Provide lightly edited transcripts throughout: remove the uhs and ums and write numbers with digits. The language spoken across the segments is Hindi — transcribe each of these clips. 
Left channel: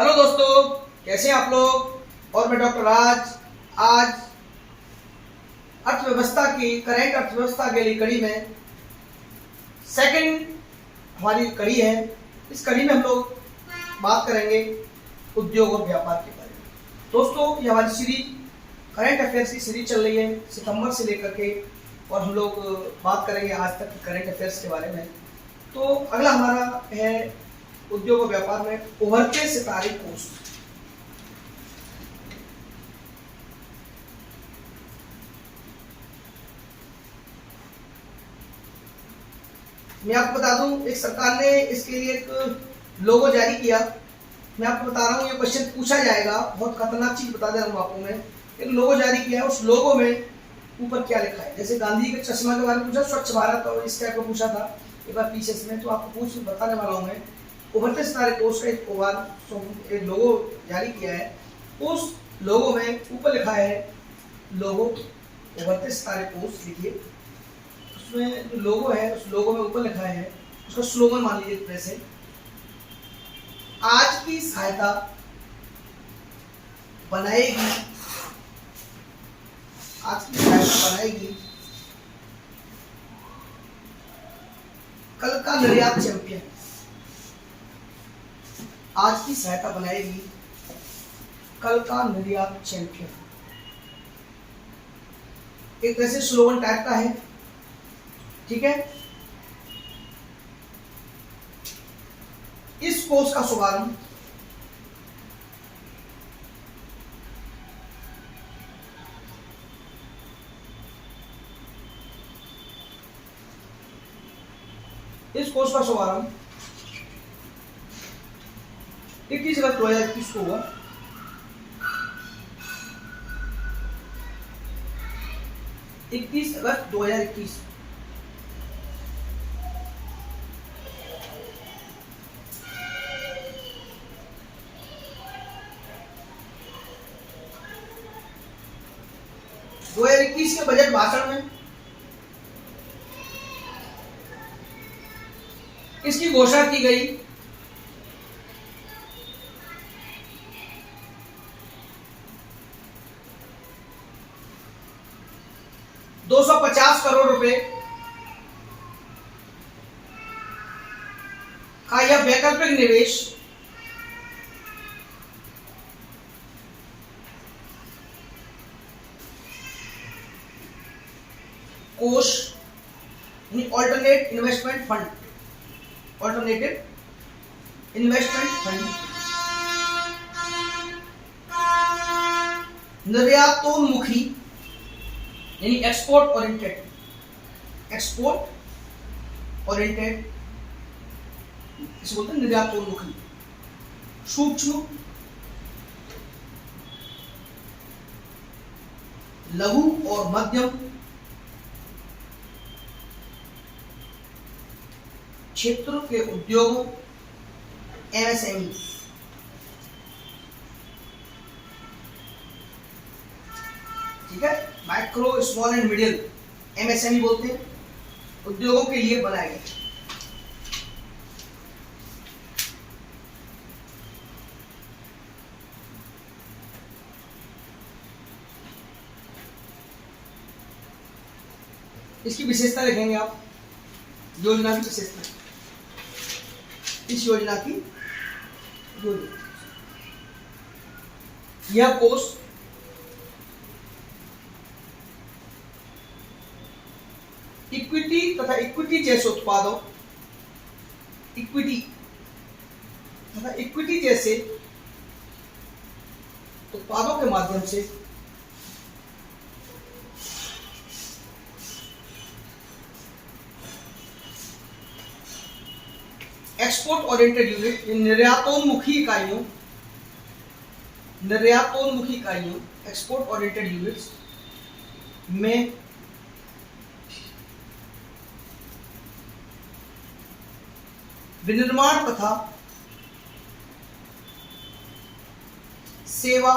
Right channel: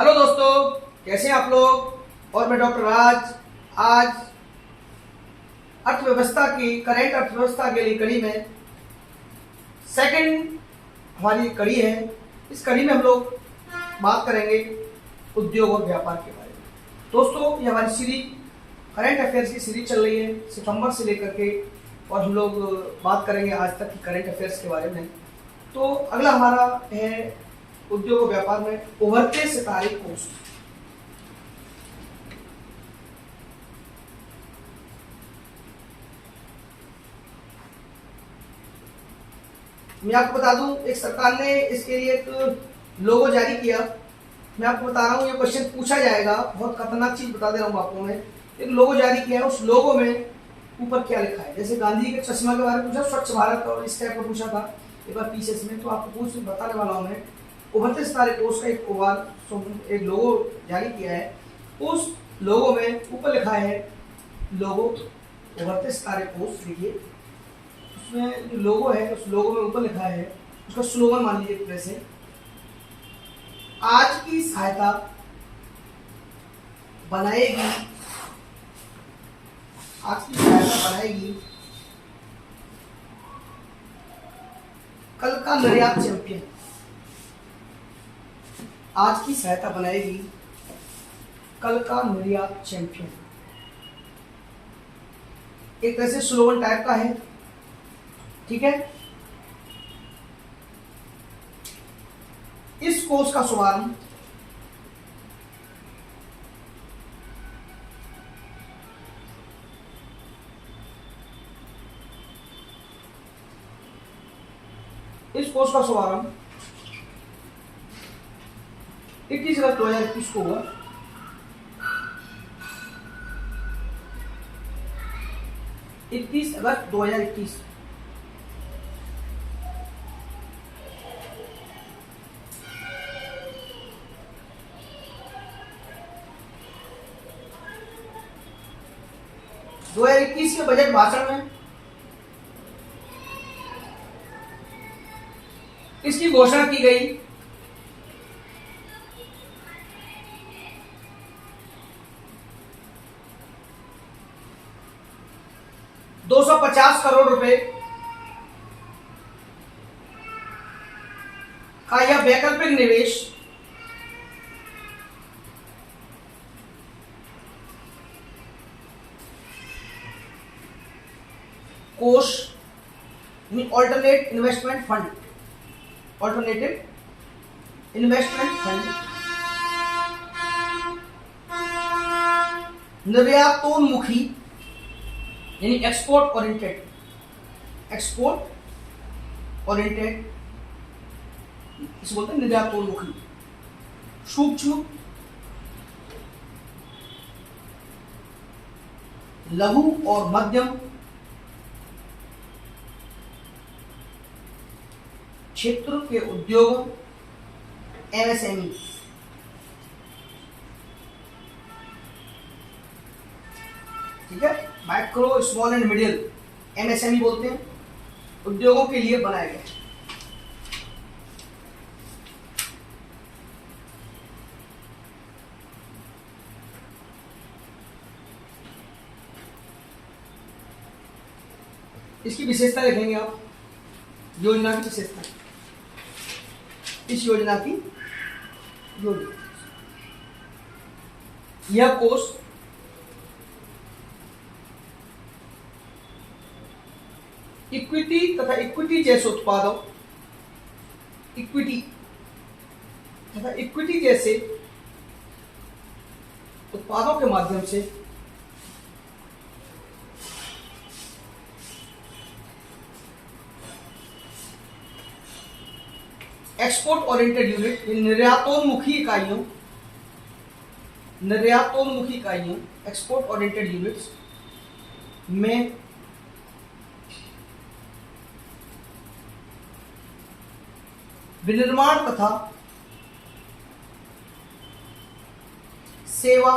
हेलो दोस्तों, कैसे हैं आप लोग। और मैं डॉक्टर राज आज अर्थव्यवस्था की करंट अर्थव्यवस्था के लिए कड़ी में सेकंड हमारी कड़ी है। इस कड़ी में हम लोग बात करेंगे उद्योग और व्यापार के बारे में। दोस्तों, ये हमारी सीरीज करंट अफेयर्स की सीरीज चल रही है सितंबर से लेकर के, और हम लोग बात करेंगे आज तक की करंट अफेयर्स के बारे में। तो अगला हमारा है उद्योग और व्यापार में उभरते सितारे कोष। मैं आपको बता दूं, एक सरकार ने इसके लिए एक लोगो जारी किया। मैं आपको बता रहा हूं, ये क्वेश्चन पूछा जाएगा, बहुत खतरनाक चीज बता दे रहा हूं आपको मैं। एक लोगो जारी किया है, उस लोगो में ऊपर क्या लिखा है। जैसे गांधी जी के चश्मा के बारे में पूछा, स्वच्छ भारत और इस टाइप का पूछा था एक बार पीछे में, तो आपको पूछ बताने वाला हूं मैं। उभरते सितारे कोष का एक लोगो जारी किया है। उस लोगो में ऊपर लिखा है लोगो उभरते सितारे कोष। देखिए उसमें जो लोगो है, उस लोगो में ऊपर लिखा है, उसका स्लोगन मान लीजिए प्रेस है, आज की सहायता बनाएगी, आज की सहायता बनाएगी कल का निर्यात चैंपियन। आज की सहायता बनाएगी कल का निर्यात चैंपियन। एक तरह से स्लोगन टाइप का है, ठीक है। इस कोर्स का शुभारंभ इस कोर्स का शुभारंभ 21 अगस्त 2021 को हुआ। इक्कीस अगस्त 2021। के बजट भाषण में इसकी घोषणा की गई। $250 करोड़ रुपए का यह वैकल्पिक निवेश कोष ऑल्टरनेटिव इन्वेस्टमेंट फंड निर्यातोन्मुखी यानी एक्सपोर्ट ओरिएंटेड इसे बोलते हैं निर्यातोन्मुखी, सूक्ष्म लघु और मध्यम क्षेत्रों के उद्योग एमएसएमई, ठीक है, micro small and middle MSME बोलते हैं, उद्योगों के लिए बनाया गया। इसकी विशेषता देखेंगे आप, योजना की विशेषता, इस योजना की यह कोष इक्विटी तथा इक्विटी जैसे उत्पादों के माध्यम से एक्सपोर्ट ओरिएंटेड यूनिट, निर्यातोन्मुखी इकाइयों एक्सपोर्ट ओरिएंटेड यूनिट्स में विनिर्माण तथा सेवा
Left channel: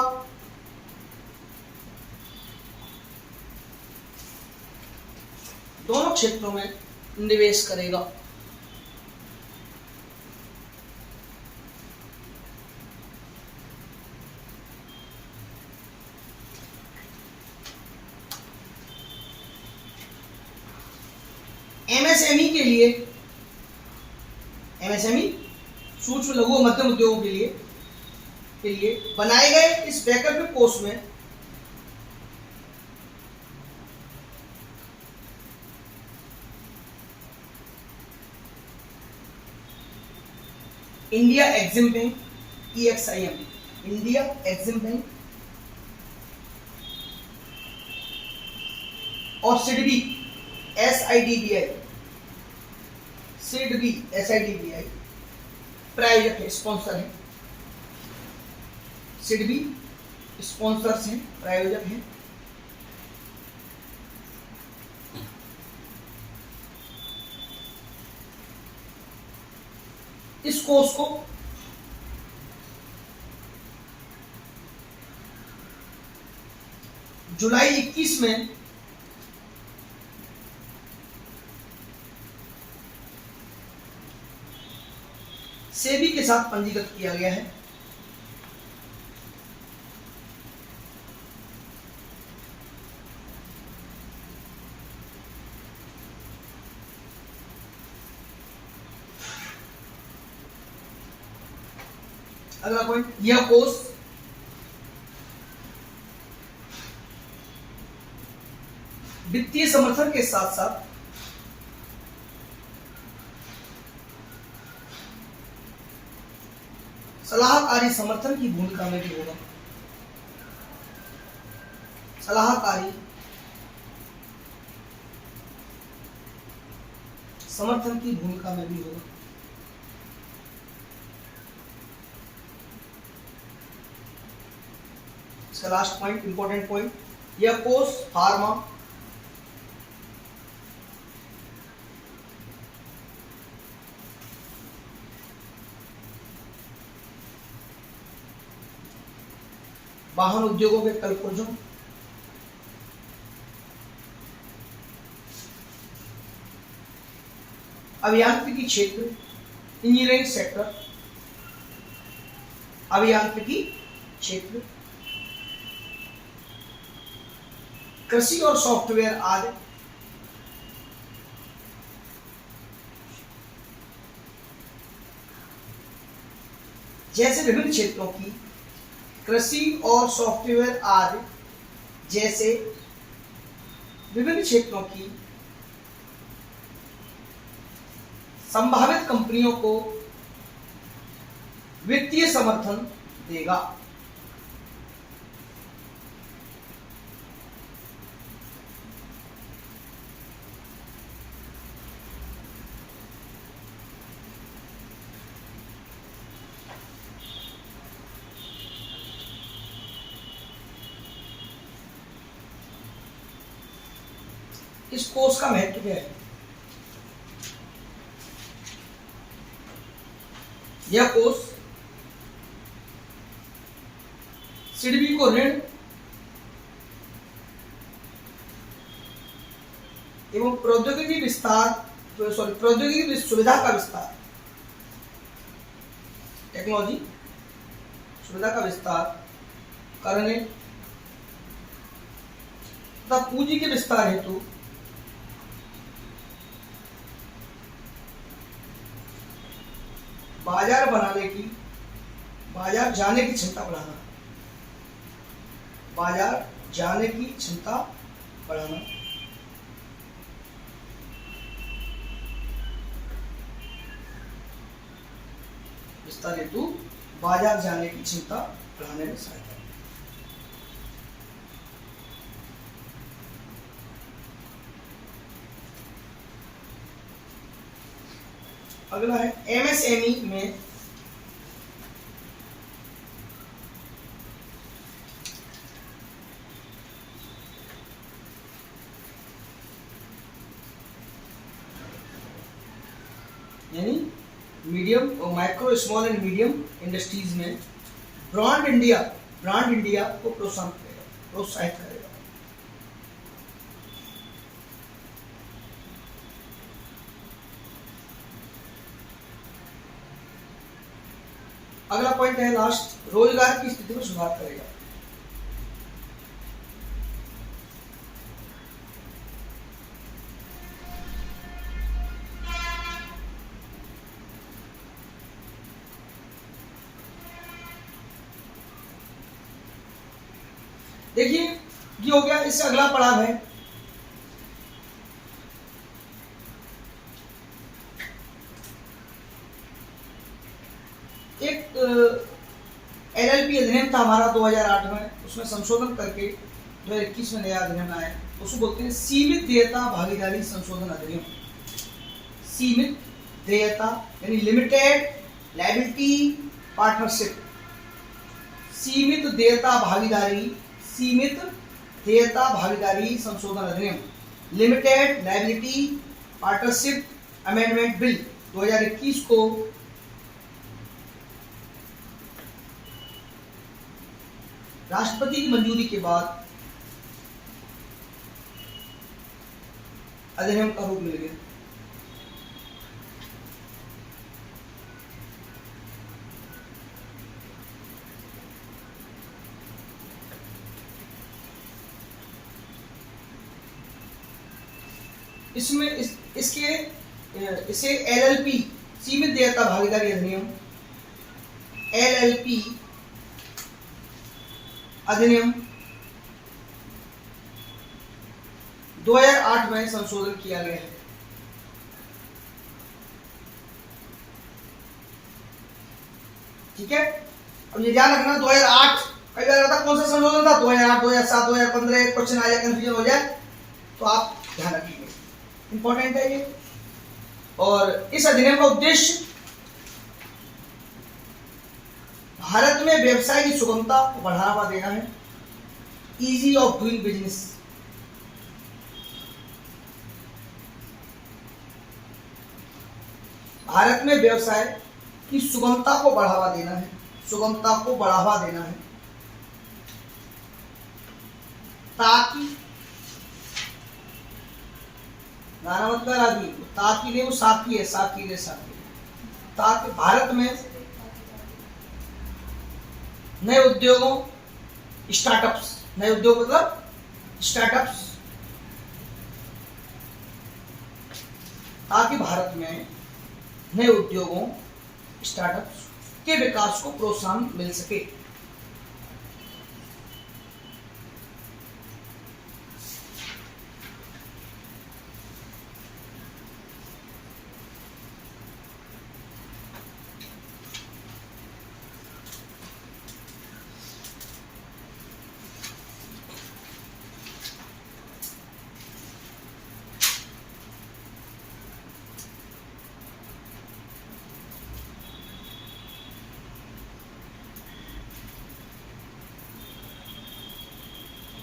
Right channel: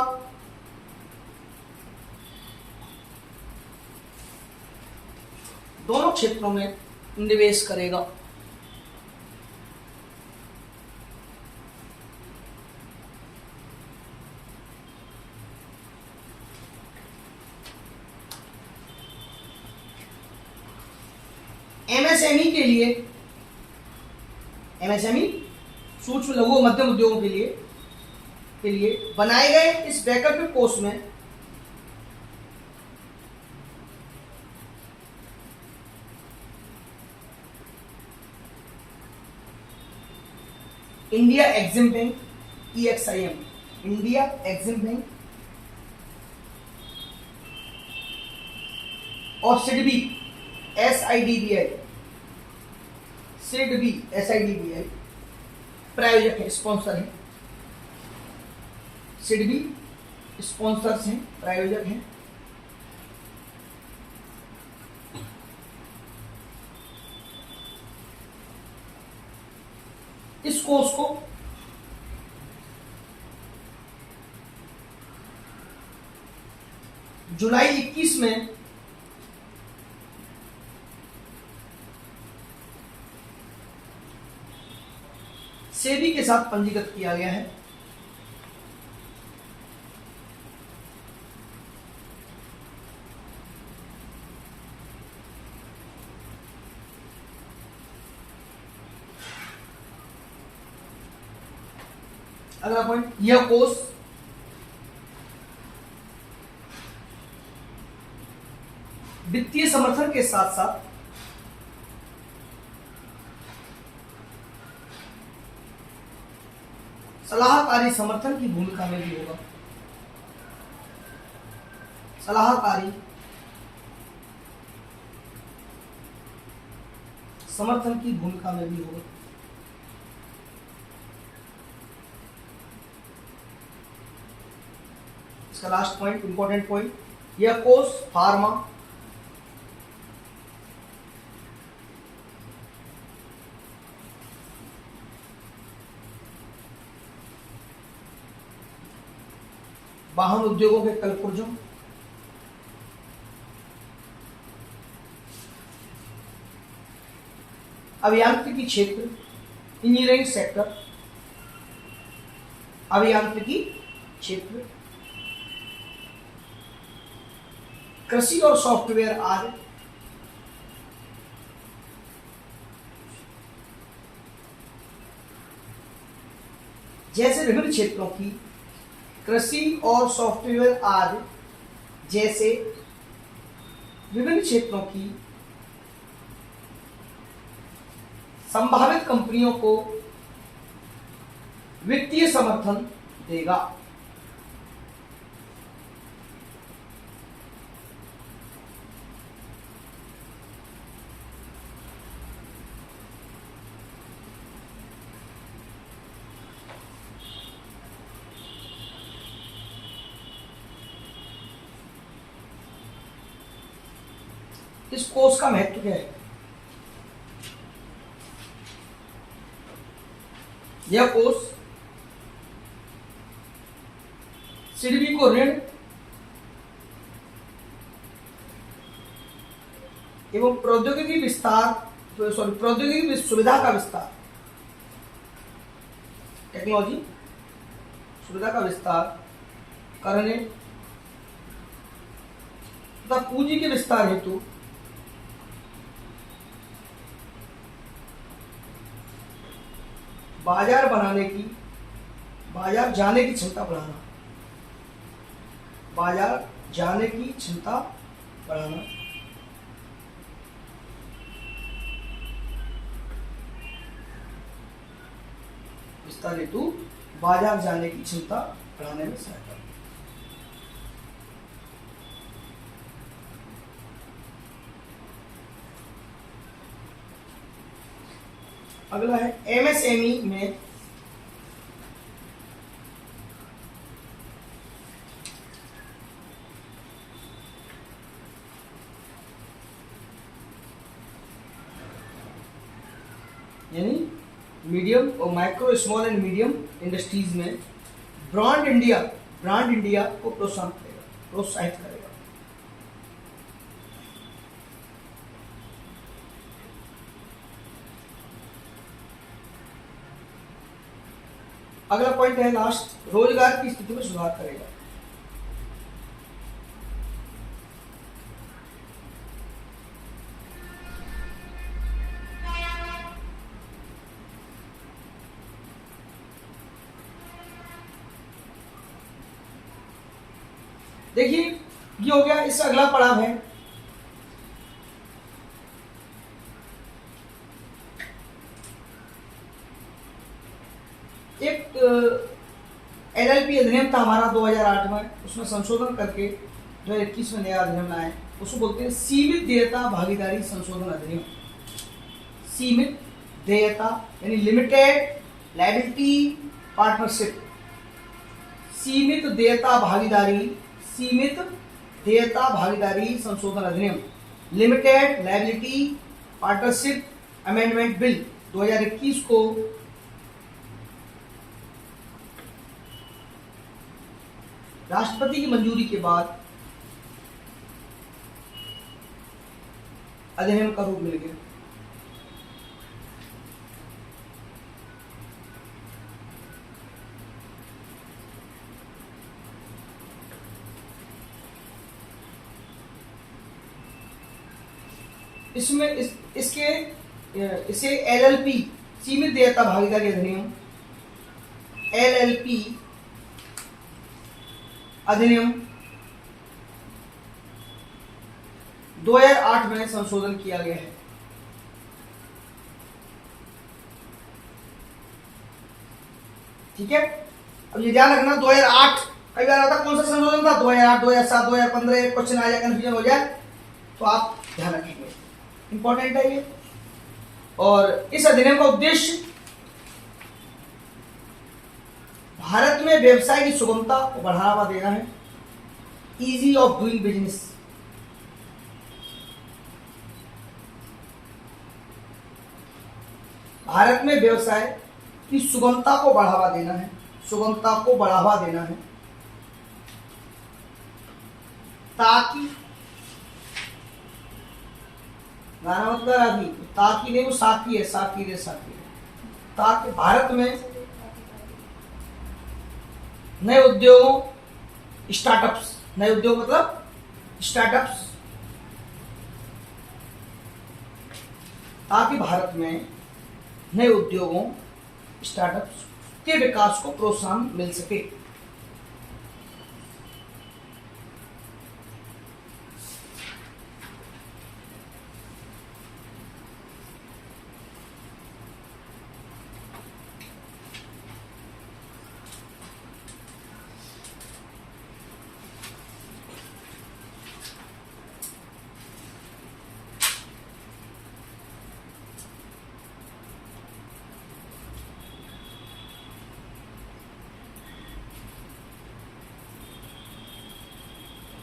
दोनों क्षेत्रों में निवेश करेगा। एमएसएमई के लिए, एमएसएमई सूक्ष्म लघु और मध्यम उद्योगों के लिए बनाए गए इस वैकल्पिक कोर्स में India EXIM bank EXIM, India EXIM bank और सिडबी SIDBI, सिडबी SIDBI प्रायोजक है, स्पॉन्सर है। सिडबी स्पॉन्सर्स हैं, प्रायोजक हैं। इस कोर्स को जुलाई 21 में सेबी के साथ पंजीकृत किया गया है। अगला पॉइंट, यह कोर्स वित्तीय समर्थन के साथ साथ सलाहकारी समर्थन की भूमिका में भी होगा। सलाहकारी समर्थन की भूमिका में भी होगा। इसका लास्ट पॉइंट, इंपॉर्टेंट पॉइंट, यह कोर्स फार्मा, वाहन उद्योगों के कलपुर्जों, अभियांत्रिकी क्षेत्र, इंजीनियरिंग सेक्टर, अभियांत्रिकी क्षेत्र, कृषि और सॉफ्टवेयर आदि जैसे विभिन्न क्षेत्रों की, कृषि और सॉफ्टवेयर आदि जैसे विभिन्न क्षेत्रों की संभावित कंपनियों को वित्तीय समर्थन देगा। इस कोर्स का महत्व क्या है? यह कोर्स सिडबी को ऋण एवं प्रौद्योगिकी विस्तार, प्रौद्योगिकी सुविधा का विस्तार, टेक्नोलॉजी सुविधा का विस्तार करने तथा पूंजी के विस्तार हेतु बाजार जाने की क्षमता बढ़ाना, बाजार जाने की क्षमता बढ़ाना, विस्तार हेतु बाजार जाने की क्षमता बढ़ाने में सहायता। अगला है एमएसएमई में यानी मीडियम और micro, small and medium industries में ब्रांड इंडिया को प्रोत्साहित करेगा। अगला पॉइंट है लास्ट, रोजगार की स्थिति में सुधार करेगा। देखिए ये हो गया, इससे अगला पड़ाव है एक एलएलपी अधिनियम था हमारा 2008 में, उसमें संशोधन करके 2021 में नया अधिनियम आया, उसको बोलते हैं सीमित देयता भागीदारी संशोधन अधिनियम। सीमित देयता यानी लिमिटेड लायबिलिटी पार्टनरशिप, सीमित देयता भागीदारी संशोधन अधिनियम, limited liability partnership amendment bill 2021 को राष्ट्रपति की मंजूरी के बाद अधिनियम का रूप मिल गया। इसमें इसे एलएलपी सीमित देयता भागीदारी अधिनियम, एलएलपी अधिनियम 2008 में संशोधन किया गया है। ठीक है, अब ये ध्यान रखना 2008, कई बार होता कौन सा संशोधन था, 2008, 2007, 2015 क्वेश्चन आ जाए, कंफ्यूजन हो जाए, तो आप ध्यान रखेंगे, इंपॉर्टेंट है ये। और इस अधिनियम का उद्देश्य भारत में व्यवसाय की सुगमता को बढ़ावा देना है, easy of doing business. Bharat में व्यवसाय की सुगमता को बढ़ावा देना है, सुगमता को बढ़ावा देना है, ताकि ताकि नहीं, वो साकी है, साकी रे साकी, ताकि भारत में नए उद्योगों, स्टार्टअप्स, नए उद्योग मतलब स्टार्टअप्स, ताकि भारत में नए उद्योगों, स्टार्टअप्स के विकास को प्रोत्साहन मिल सके।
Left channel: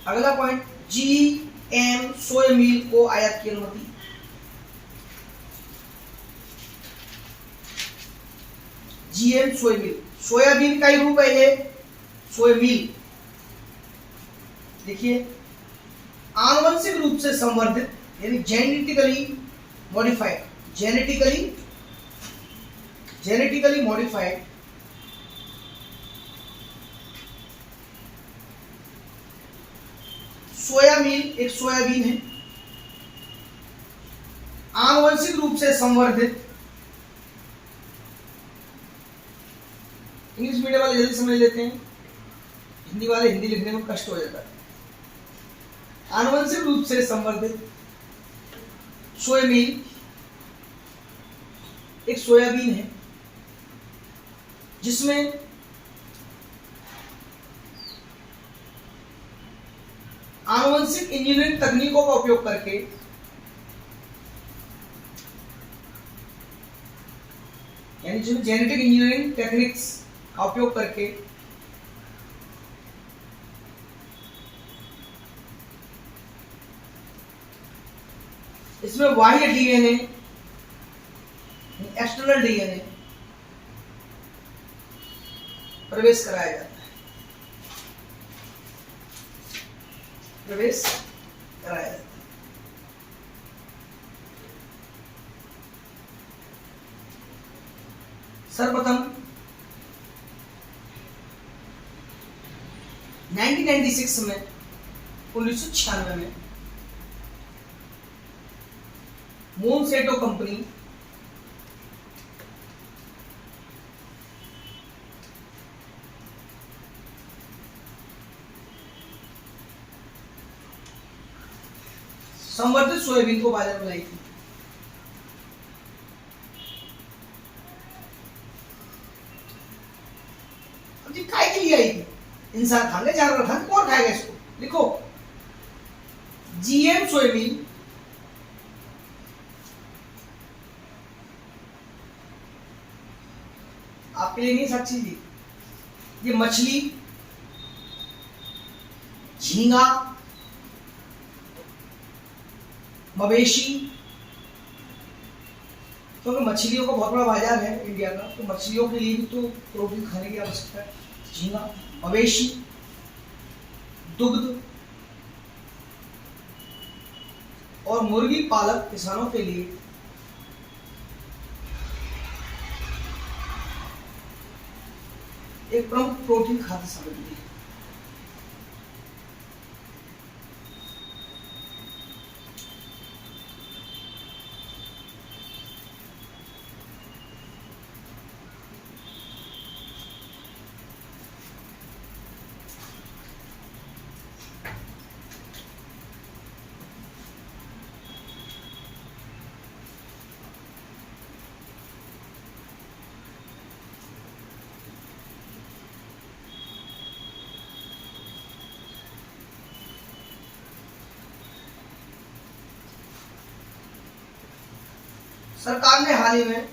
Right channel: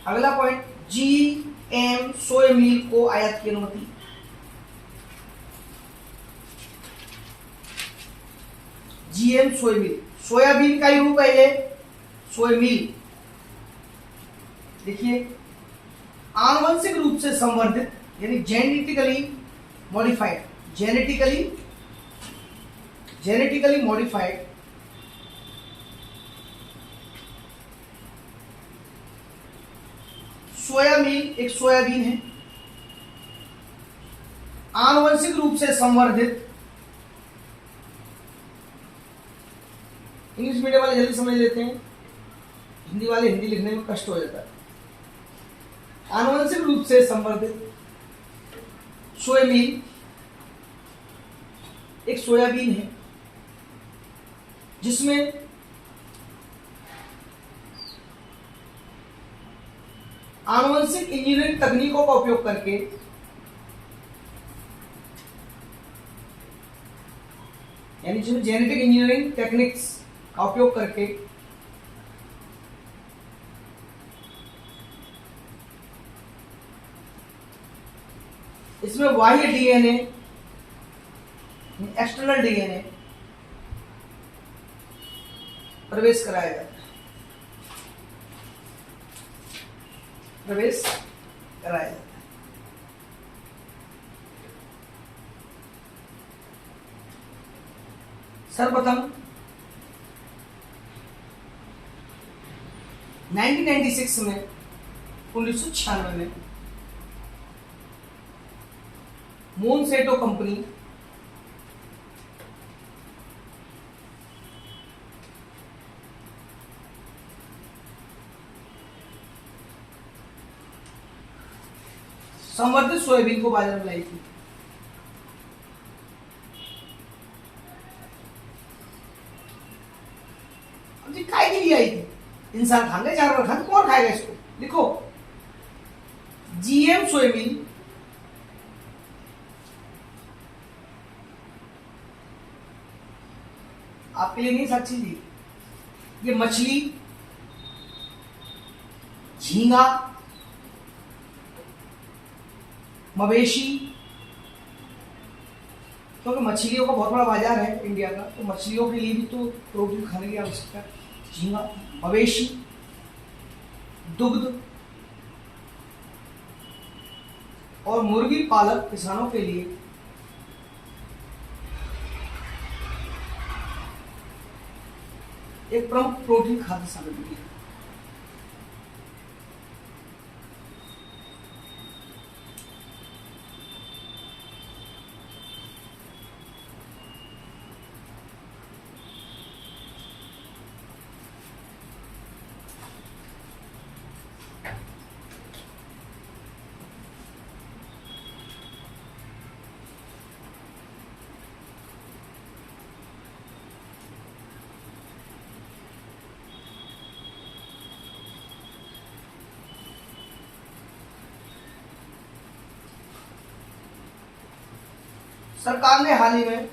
अगला पॉइंट, जीएम सोया मिल को आयात की अनुमति। जीएम सोया मिल, सोयाबीन का ही रूप है ये सोया मिल। देखिए, आनुवंशिक रूप से संवर्धित यानी जेनेटिकली मॉडिफाइड, जेनेटिकली मॉडिफाइड सोया मिल एक सोयाबीन है, आनुवंशिक रूप से संवर्धित, इंग्लिश मीडियम वाले जल्दी समझ लेते हैं, हिंदी वाले हिंदी लिखने में कष्ट हो जाता है। आनुवंशिक रूप से संवर्धित सोया मिल एक सोयाबीन है जिसमें आनुवंशिक इंजीनियरिंग तकनीकों का उपयोग करके यानी जिसमें जेनेटिक इंजीनियरिंग टेक्निक्स का उपयोग करके इसमें बाह्य डीएनए, एक्सटर्नल डीएनए प्रवेश कराया जाता है, प्रवेश कराया जाता है। सर्वप्रथम 1996 में, 1996 में मोनसेटो कंपनी संवर्धित सोयाबीन को बाजार में लाई थी। जी काय के लिए आई थी? इंसान खाएंगे, जानवर खाएंगे, कौन खाएगा इसको? लिखो, जीएम सोयाबीन आपके लिए नहीं साक्षी जी, ये मछली, झींगा, मवेशी, क्योंकि मछलियों का बहुत बड़ा बाजार है इंडिया का, तो मछलियों के लिए भी तो प्रोटीन खाने की आवश्यकता है। झींगा, मवेशी, दुग्ध और मुर्गी पालक किसानों के लिए एक प्रमुख प्रोटीन खाद्य सामग्री है। सरकार ने हाल ही में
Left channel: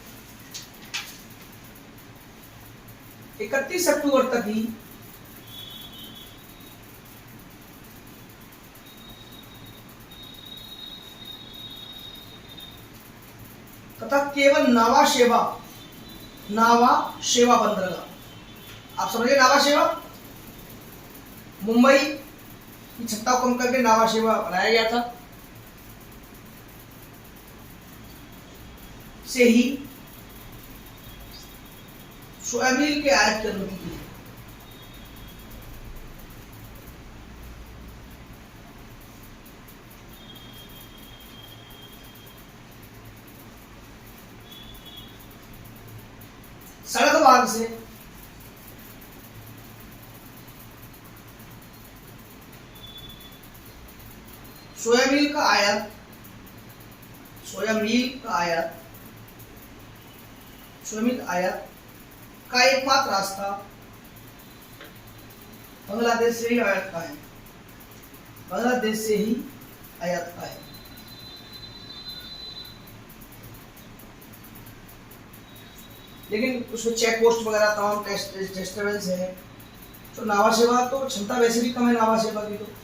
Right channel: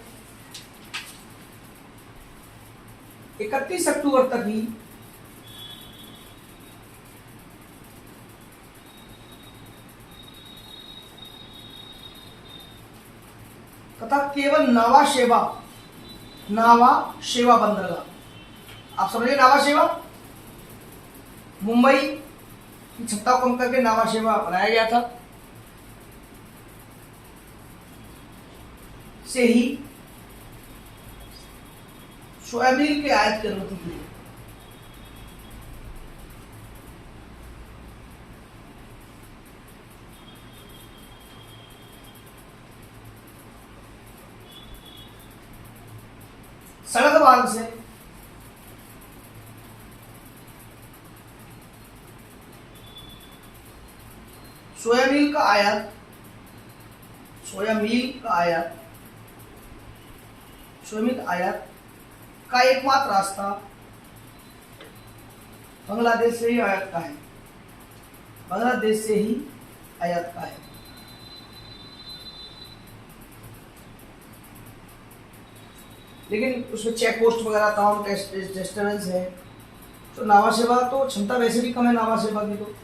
31 अक्टूबर तक ही तथा केवल नावा सेवा बंद रहा। आप समझिए, नावा सेवा मुंबई की क्षमता को कम करके नावा सेवा बनाया गया था, से ही सोयाबीन के आयात की अनुमति दी है। सड़क मार्ग से सोयाबीन का आयात का एकमात्र रास्ता बांग्लादेश से ही आयात का है। लेकिन उसमें चेक पोस्ट वगैरह तमाम डिस्टर्बेंस है। तो नावा सेवा तो क्षमता वैसे भी कम है नावा सेवा की। तो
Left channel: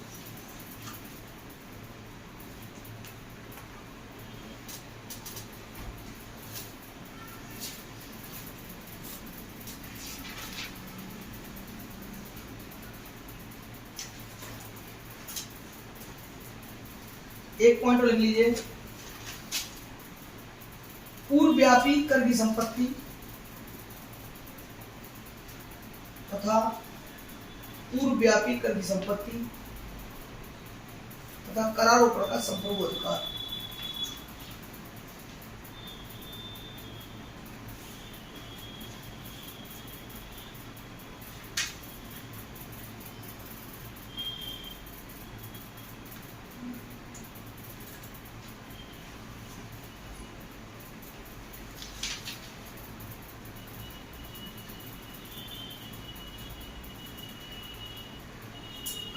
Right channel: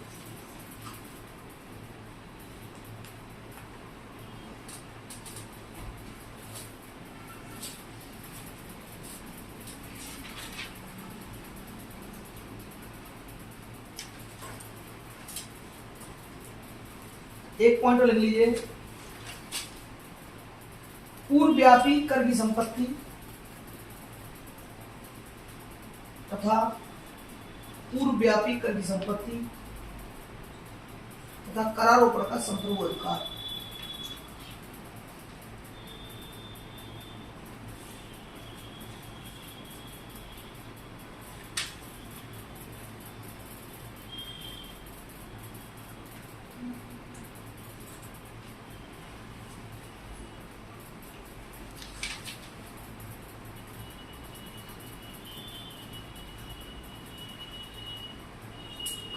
एक पॉइंट और लिख लीजिए, पूर्वव्यापी कर की संपत्ति तथा करारोपण का संपूर्ण अधिकार।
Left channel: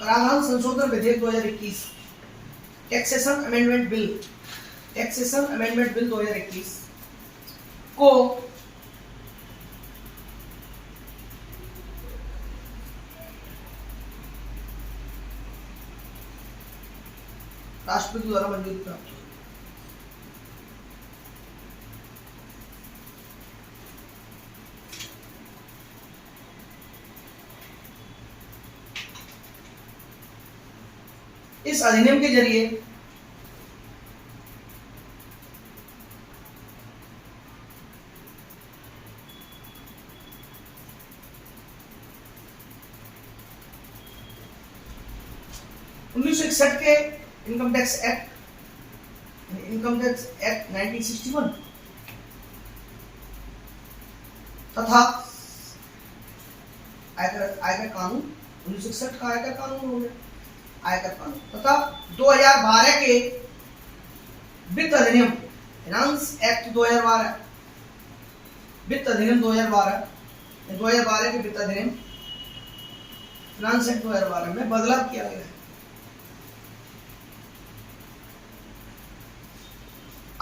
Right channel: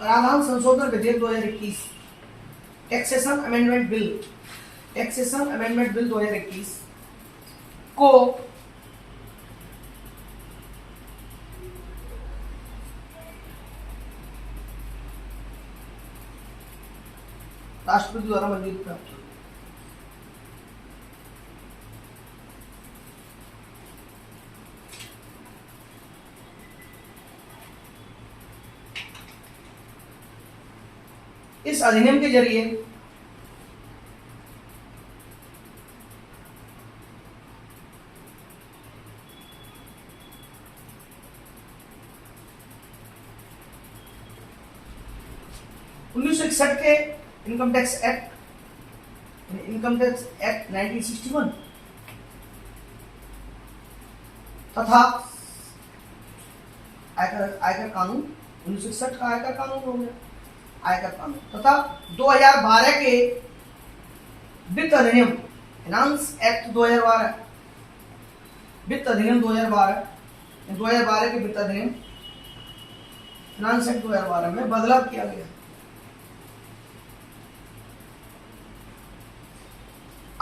कराधान संशोधन विधेयक 2021, टैक्सेशन अमेंडमेंट बिल 2021 को राष्ट्रपति द्वारा मंजूरी प्राप्त हुई। इस अधिनियम के जरिए के इनकम टैक्स एक्ट 1961 तथा आयकर कानून 1961 का आयकर कानून हो गया, आयकर कानून तथा 2012 के वित्त अधिनियम फाइनेंस एक्ट 2012, वित्त अधिनियम 2012 के वित्त अधिनियम फाइनेंस एक्ट 2012 में बदलाव किया गया।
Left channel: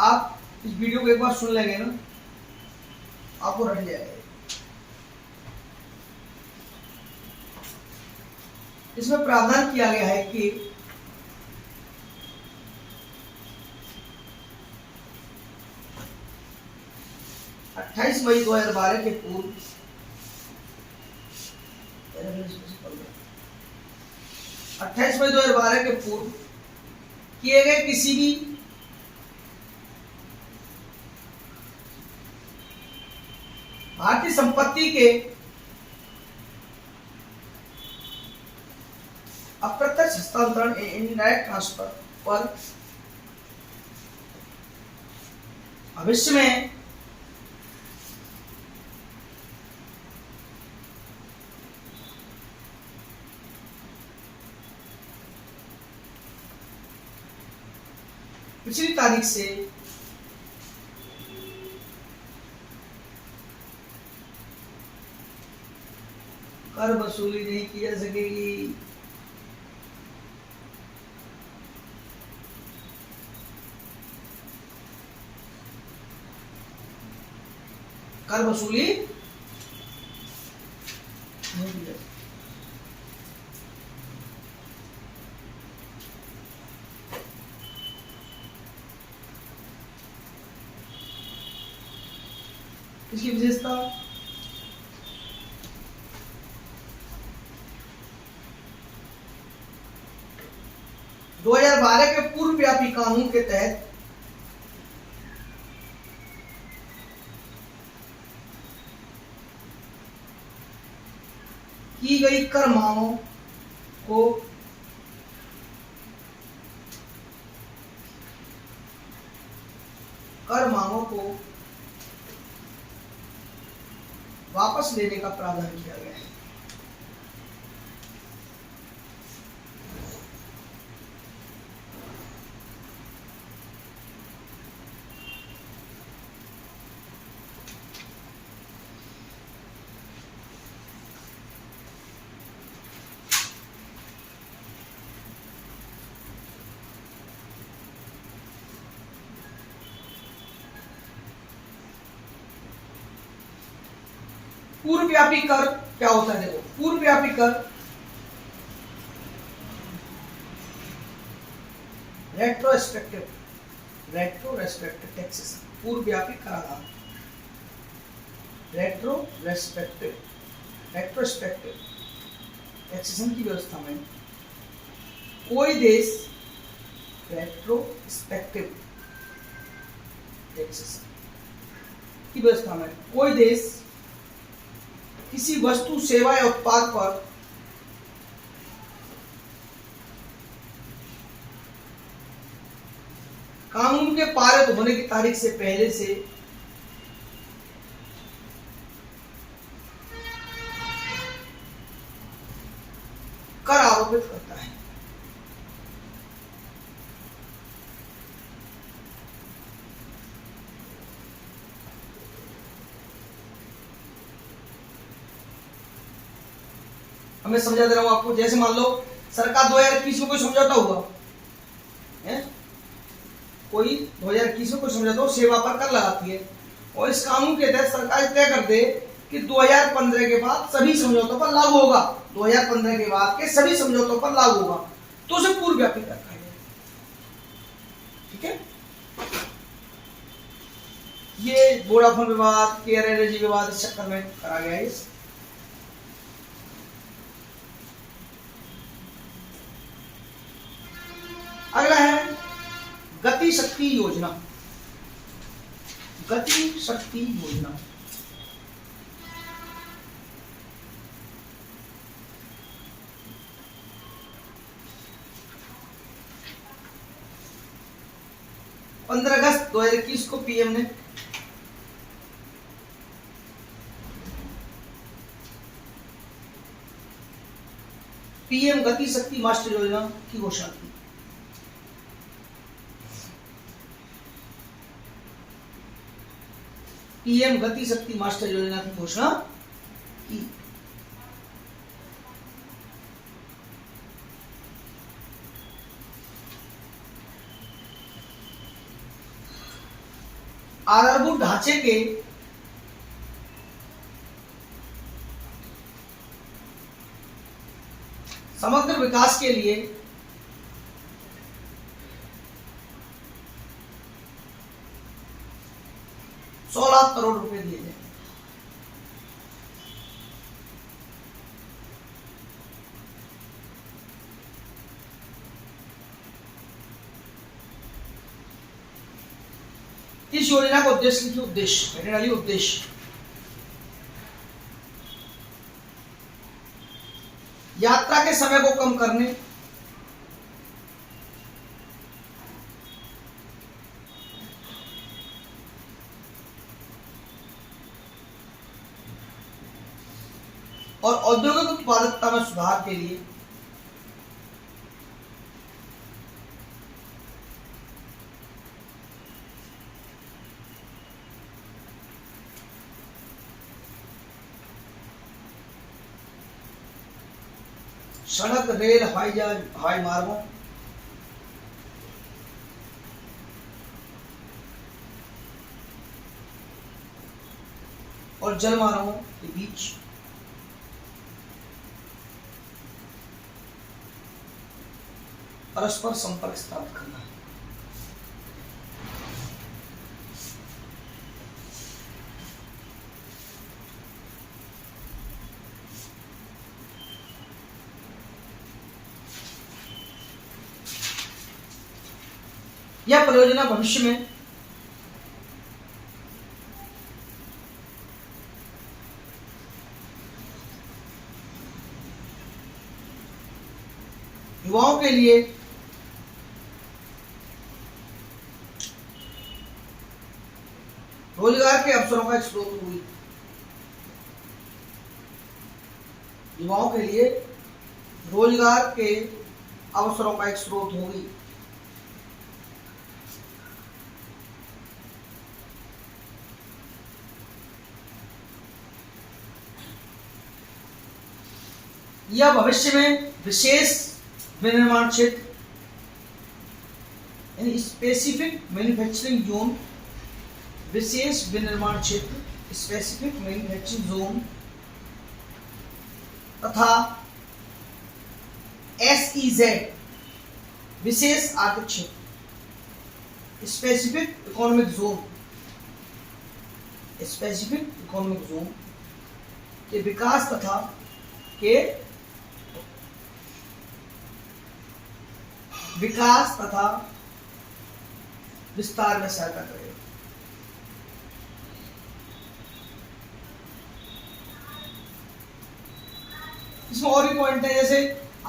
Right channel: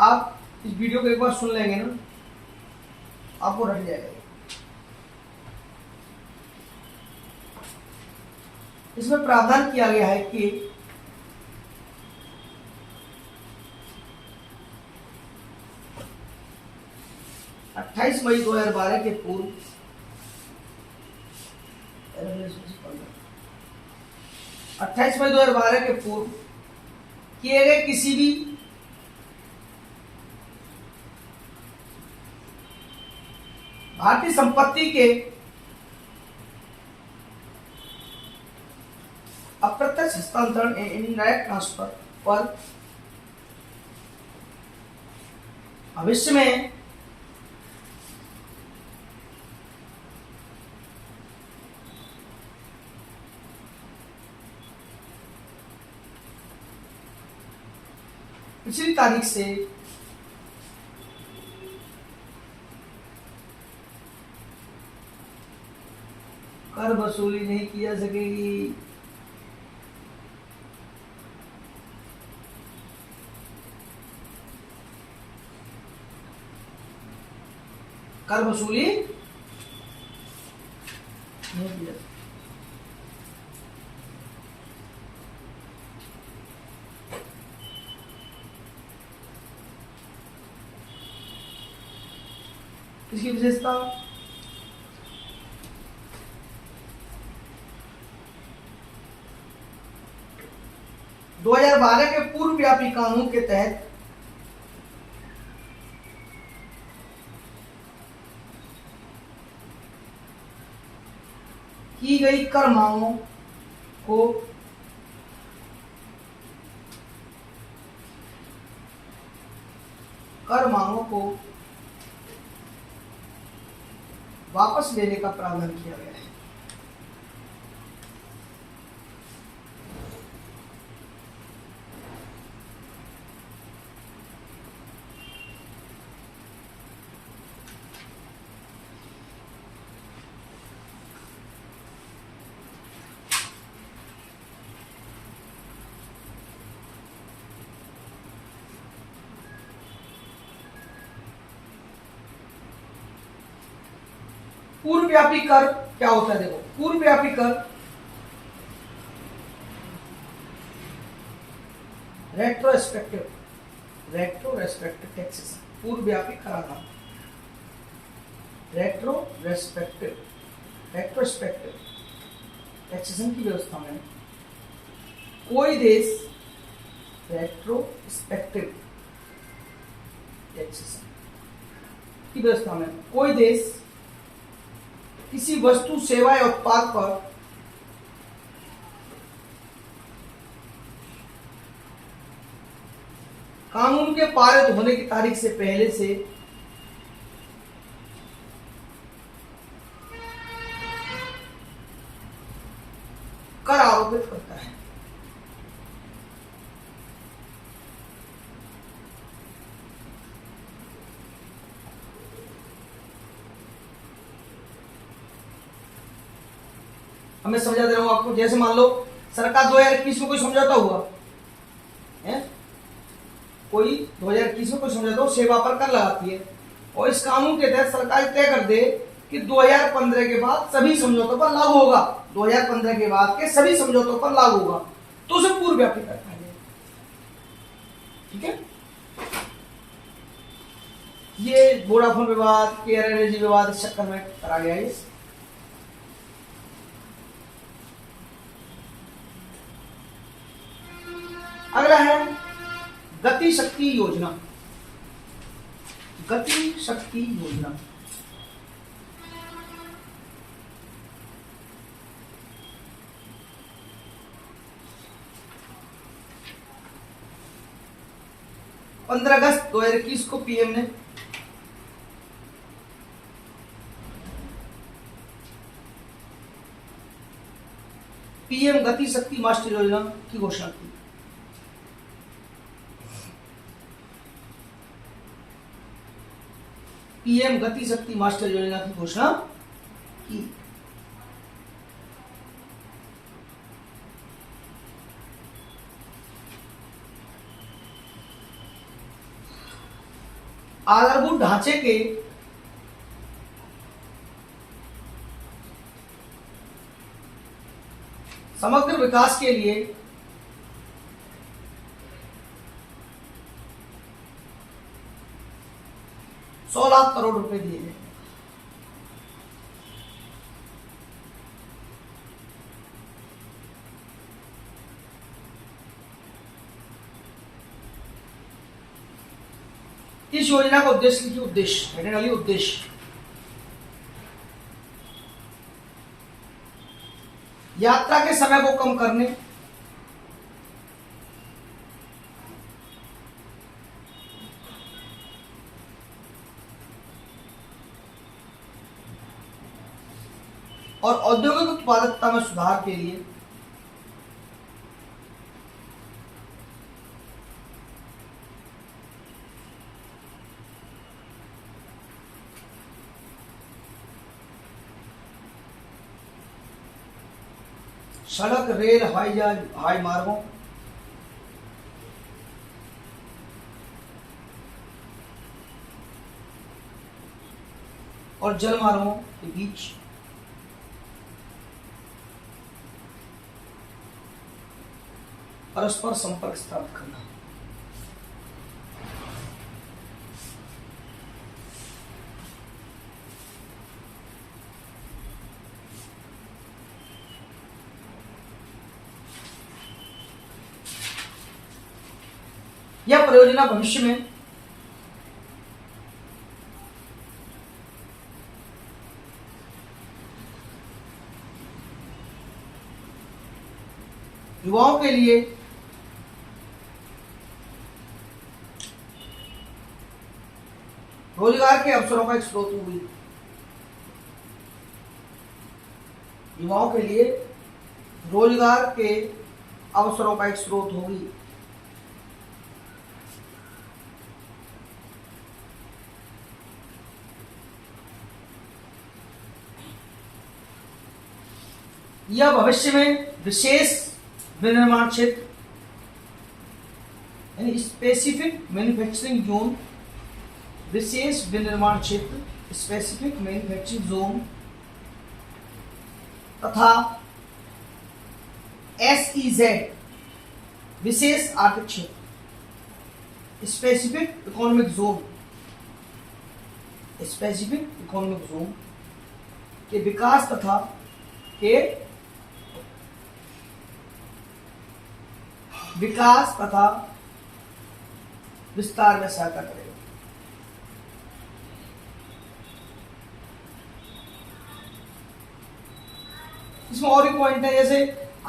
आप इस वीडियो को एक बार सुन लेंगे ना, आपको रट जाएगा। इसमें प्रावधान किया गया है कि अट्ठाईस मई 2012 के पूर्व 28 मई 2012 के पूर्व किए गए किसी भी भारतीय संपत्ति के अप्रत्यक्ष हस्तांतरण इनडायरेक्ट ट्रांसफर पर भविष्य में पिछली तारीख से कर वसूली नहीं की जा सकेगी। कर वसूली नहीं की जा सकती। इसकी विशेषता दो 2012 के पूर्व व्यापी कानून के तहत की गई कर मांगों को वापस लेने का प्रावधान किया गया है। पूर्व व्यापी कर क्या होता है? देखो, पूर्व व्यापी कर रेट्रोस्पेक्टिव टैक्सेशन, पूर्व व्यापी कराधान, रेट्रोस्पेक्टिव टैक्सेशन की व्यवस्था में कोई देश रेट्रोस्पेक्टिव टैक्सेशन की व्यवस्था में कोई देश किसी वस्तु, सेवा या उत्पाद पर कानून के पारित होने की तारीख से पहले से कर आरोपित करता है। मैं समझा दे रहा हूं आपको। जैसे मान लो सरकार 2021 में कोई समझौता हुआ है, कोई 2021 में कोई समझौता हो, सेवा पर कर लगाती है, और इस कानून के तहत सरकार तय कर दे कि 2015 के बाद सभी समझौतों पर लागू होगा, 2015 के बाद के सभी समझौतों पर लागू होगा, तो उसे पूर्व व्यापी कर पाएंगे। ठीक है, ये वोडाफोन विवाद, केयर एनर्जी विवाद इस चक्कर में करा गया है। अगला है गति शक्ति योजना। गति शक्ति योजना अगस्त 2021 को पीएम ने पीएम गति शक्ति मास्टर योजना की घोषणा की। पीएम गति शक्ति मास्टर योजना की घोषणा की। आधारभूत ढांचे के समग्र विकास के लिए ₹100 लाख दिए गए। इस योजना का उद्देश्य लिखिए, उद्देश्य हेडिंग डालिए उद्देश्य। यात्रा के समय को कम करने, और औद्योगिक उत्पादकता में सुधार के लिए सड़क, रेल, हवाई जहाज, हवाई मार्गों और जल मार्गों के बीच परस्पर संपर्क स्थापित करना। यह परियोजना भविष्य में युवाओं के लिए रोजगार के अवसरों का एक स्रोत हुई। युवाओं के लिए रोजगार के अवसरों का एक स्रोत होगी। यह भविष्य में विशेष विनिर्माण क्षेत्र यानी स्पेसिफिक मैन्युफैक्चरिंग जोन, विशेष विनिर्माण क्षेत्र स्पेसिफिक मैन्युफैक्चरिंग जोन तथा SEZ विशेष आर्थिक क्षेत्र specific economic zone, specific economic zone के विकास तथा विस्तार में सहायता करेगा। इसमें और भी पॉइंट है, जैसे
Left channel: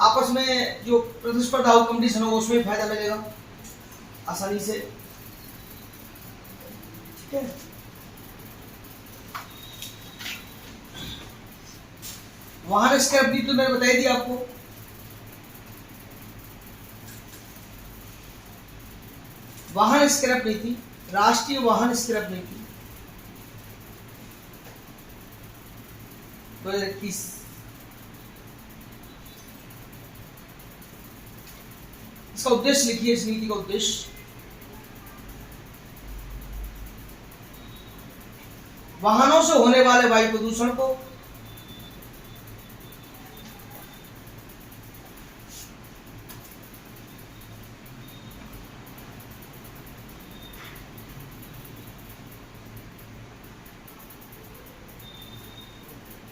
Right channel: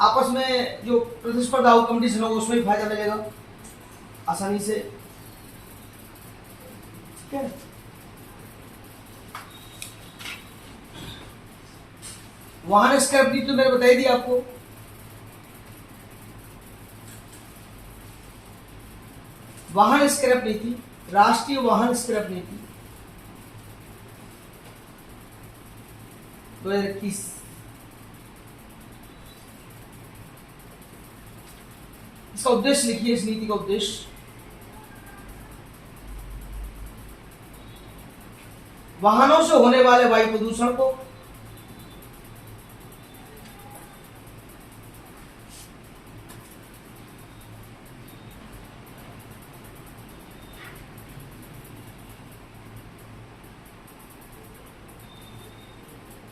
आपस में जो प्रतिस्पर्धा हो, कंपटीशन हो, उसमें फायदा मिलेगा आसानी से। ठीक है, वाहन स्क्रैप नीति तो मैंने बताई दी आपको। वाहन स्क्रैप नीति, राष्ट्रीय वाहन स्क्रैप नीति 2021। इसका उद्देश्य लिखिए, इस नीति का उद्देश्य वाहनों से होने वाले वायु प्रदूषण को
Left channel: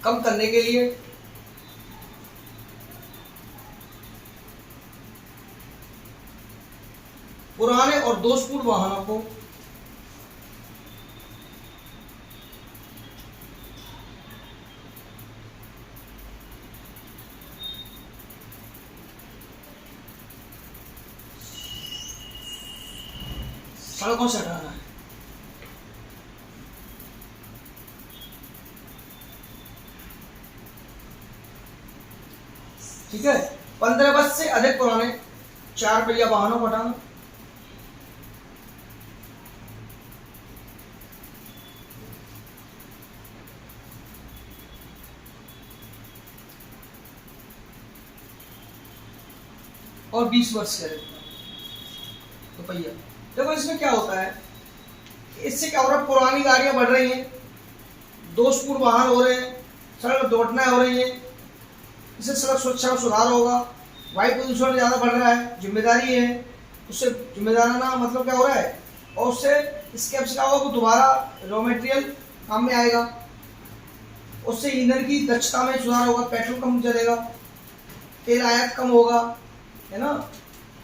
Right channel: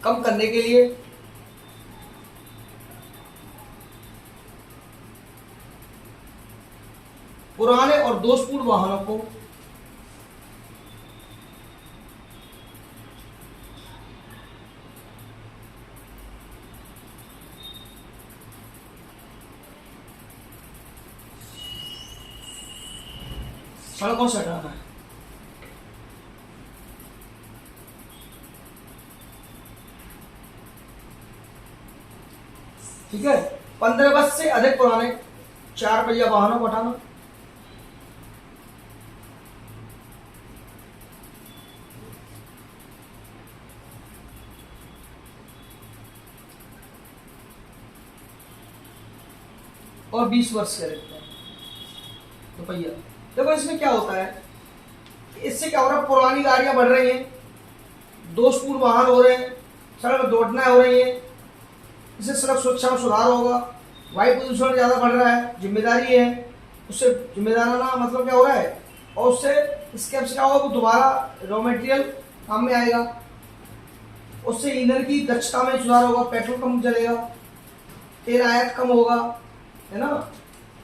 कम करने के लिए पुराने और दोषपूर्ण वाहनों को सड़कों से हटाना है। ठीक है, 15 वर्ष से अधिक पुराने 4 पहिया वाहनों को हटाना, और 20 वर्ष से अधिक का रुपया। देखो इसमें क्या होता है, इससे क्या हो रहा है, पुरानी गाड़ियां बढ़ रही हैं, दोषपूर्ण वाहन हो रहे हैं, सड़क पर दुर्घटनाएं हो रही हैं, इससे सड़क सुरक्षा में सुधार होगा, वायु प्रदूषण ज़्यादा बढ़ रहा है, जिम्मेदारी है, उससे जिम्मेदाराना मतलब क्या हो रहा है, और उससे इसके क्या होगा, वो दोबारा रॉ मटेरियल काम में आएगा, उससे ईंधन की दक्षता में सुधार होगा, पेट्रोल कम जलेगा, तेल आयात कम होगा, है ना,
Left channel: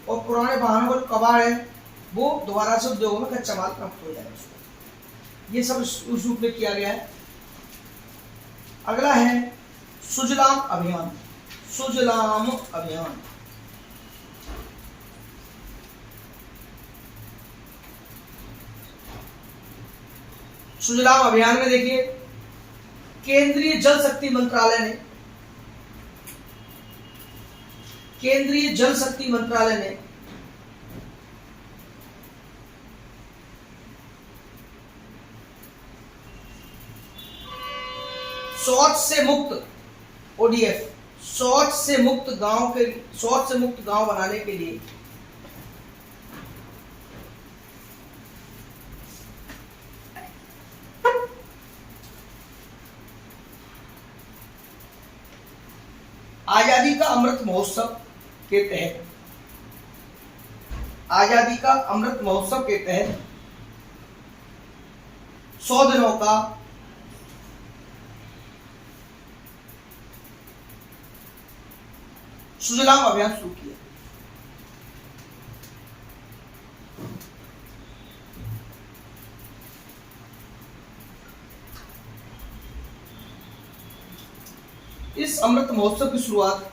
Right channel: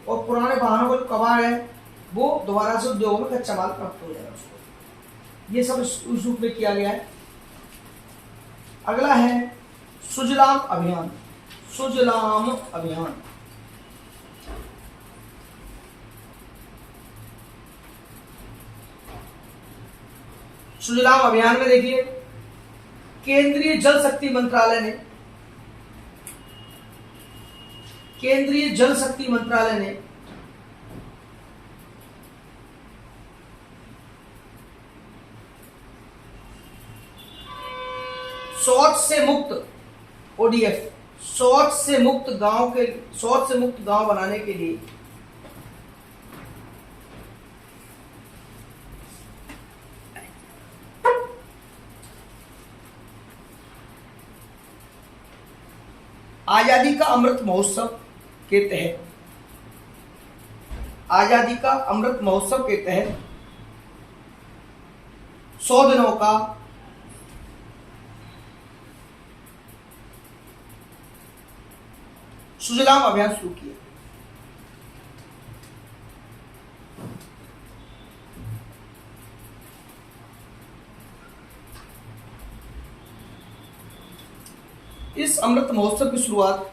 और पुराने वाहनों का जो कबाड़ है वो दोबारा से उद्योगों में कच्चा माल प्राप्त हो जाएगा उसको। ये सब उस रूप में किया गया है। अगला है सुजलाम अभियान। सुजलाम अभियान सुजलाम अभियान में देखिए, केंद्रीय जल शक्ति मंत्रालय ने शौच से मुक्त ओडीएफ, शौच से मुक्त गांव बनाने के लिए आजादी का अमृत महोत्सव के तहत 100 दिनों का सुजलाम अभियान शुरू किया। इस अमृत महोत्सव की शुरुआत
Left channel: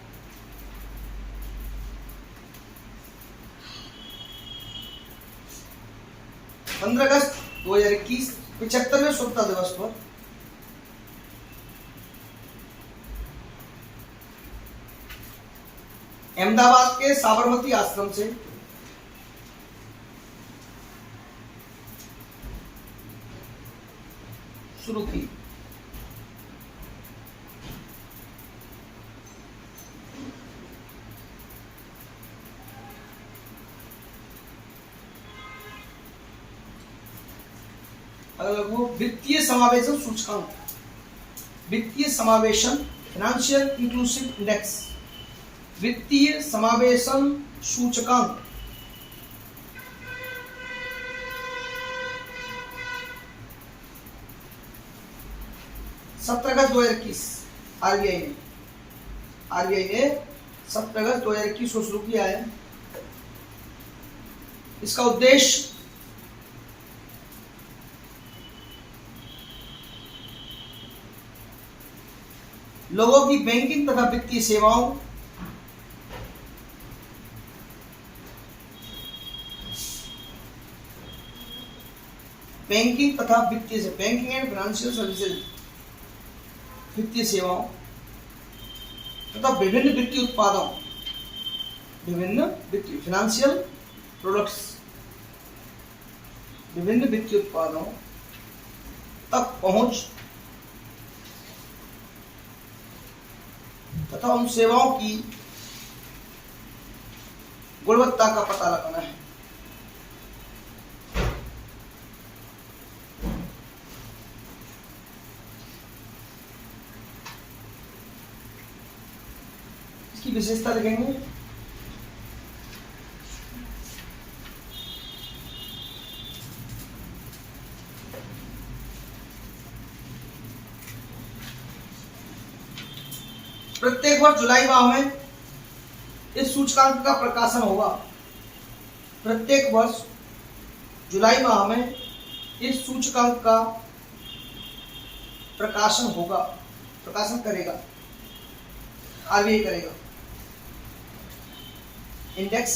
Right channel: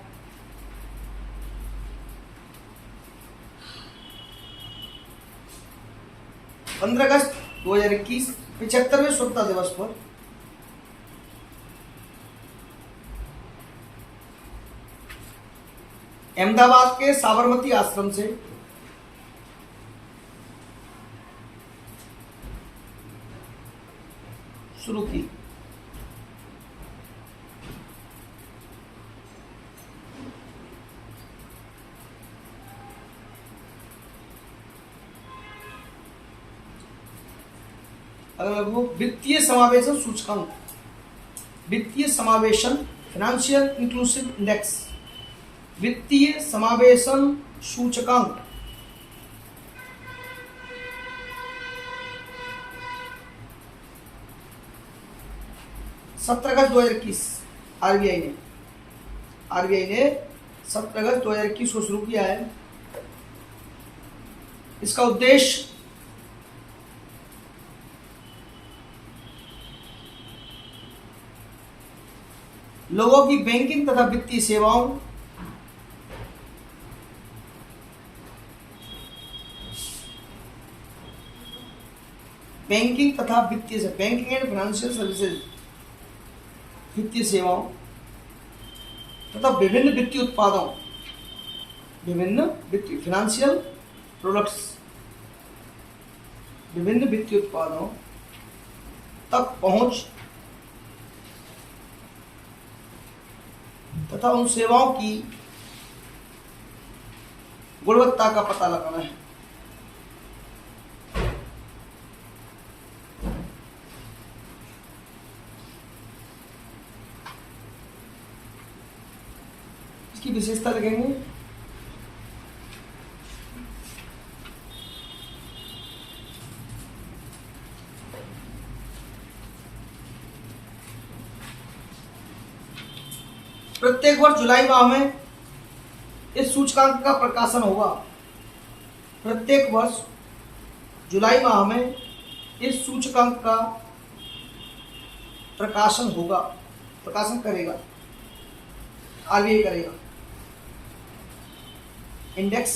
15 अगस्त 2021 75वें स्वतंत्रता दिवस पर अहमदाबाद के साबरमती आश्रम से शुरू की। अगर वो वित्तीय समावेशन सूचकांक, वित्तीय समावेशन फाइनेंशियल इंक्लूसिव इंडेक्स, वित्तीय समावेशन सूचकांक अगस्त 2021 आरबीआई ने 17 अगस्त 2021 को शुरू किया है। इसका उद्देश्य लोगों की बैंकिंग तथा वित्तीय सेवाओं बैंकिंग एंड फाइनेंशियल सर्विसेज, वित्तीय सेवाओं तथा विभिन्न वित्तीय उत्पादों, फाइनेंशियल प्रोडक्ट्स, विभिन्न वित्तीय उत्पादों तक पहुंच तथा उन सेवाओं की गुणवत्ता का पता लगाना है। इसकी विशेषता लिखेंगे। प्रत्येक वर्ष जुलाई माह में इस सूचकांक का प्रकाशन होगा। प्रत्येक वर्ष जुलाई माह में इस सूचकांक का प्रकाशन करेगा, आरबीआई करेगा। इंडेक्स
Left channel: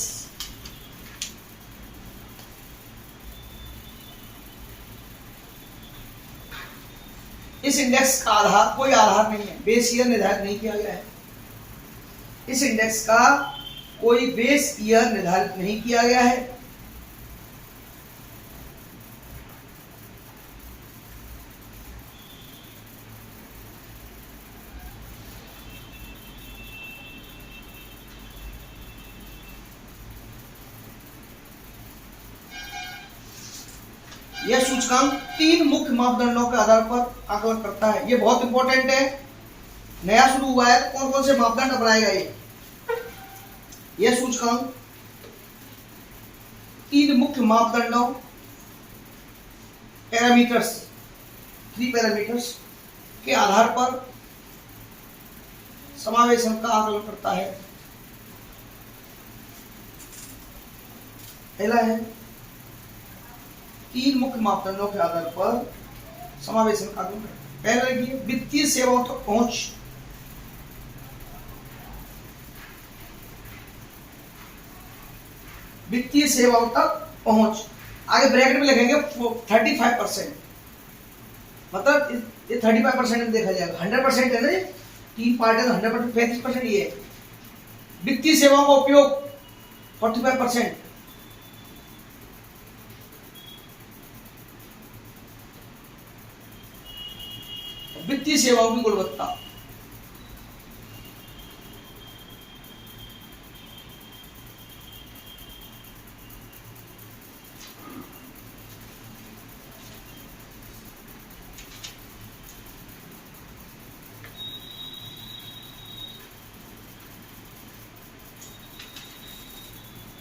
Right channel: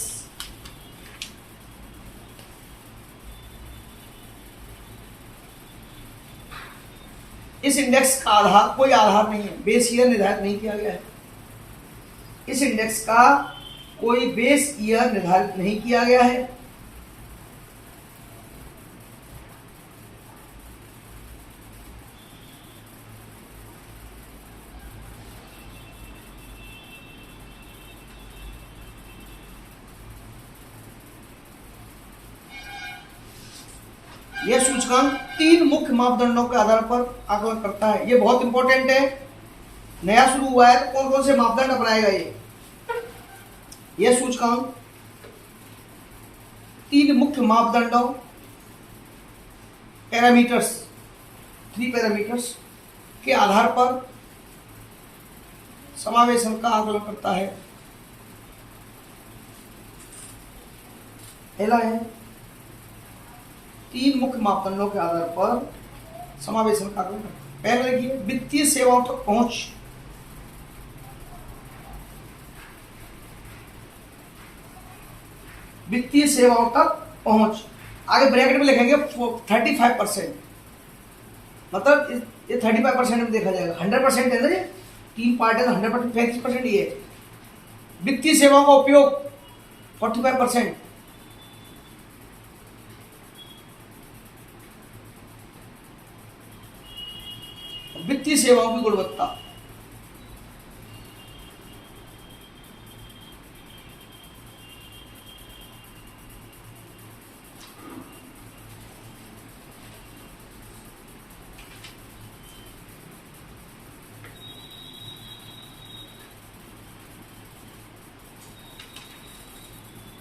इस इंडेक्स का कोई आधार नहीं है, बेस ईयर निर्धारित नहीं किया गया है। इस इंडेक्स का कोई बेस ईयर निर्धारित नहीं किया गया है। यह सूचकांक 3 मुख्य मापदंडों के आधार पर आकलन करता है। ये बहुत इंपॉर्टेंट है, नया शुरू हुआ है, कौन कौन से मापदंड अपनाएगा ये। यह सूचकांक 3 मुख्य मापदंडों पैरामीटर्स 3 पैरामीटर्स के आधार पर समावेशन का आकलन करता है। पहला है 3 मुख्य मापदंडों के आधार पर समावेशन का आकलन करता है। पहला देखिए वित्तीय सेवाओं तक पहुंच। वित्तीय सेवाओं तक पहुंच, आगे ब्रैकेट में लिखेंगे 35%, मतलब ये 35% में देखा जाएगा। 100% है ना, ये 3 पार्ट है तो 100% 35% ये है। वित्तीय सेवाओं का उपयोग 45%। वित्तीय सेवाओं की गुणवत्ता,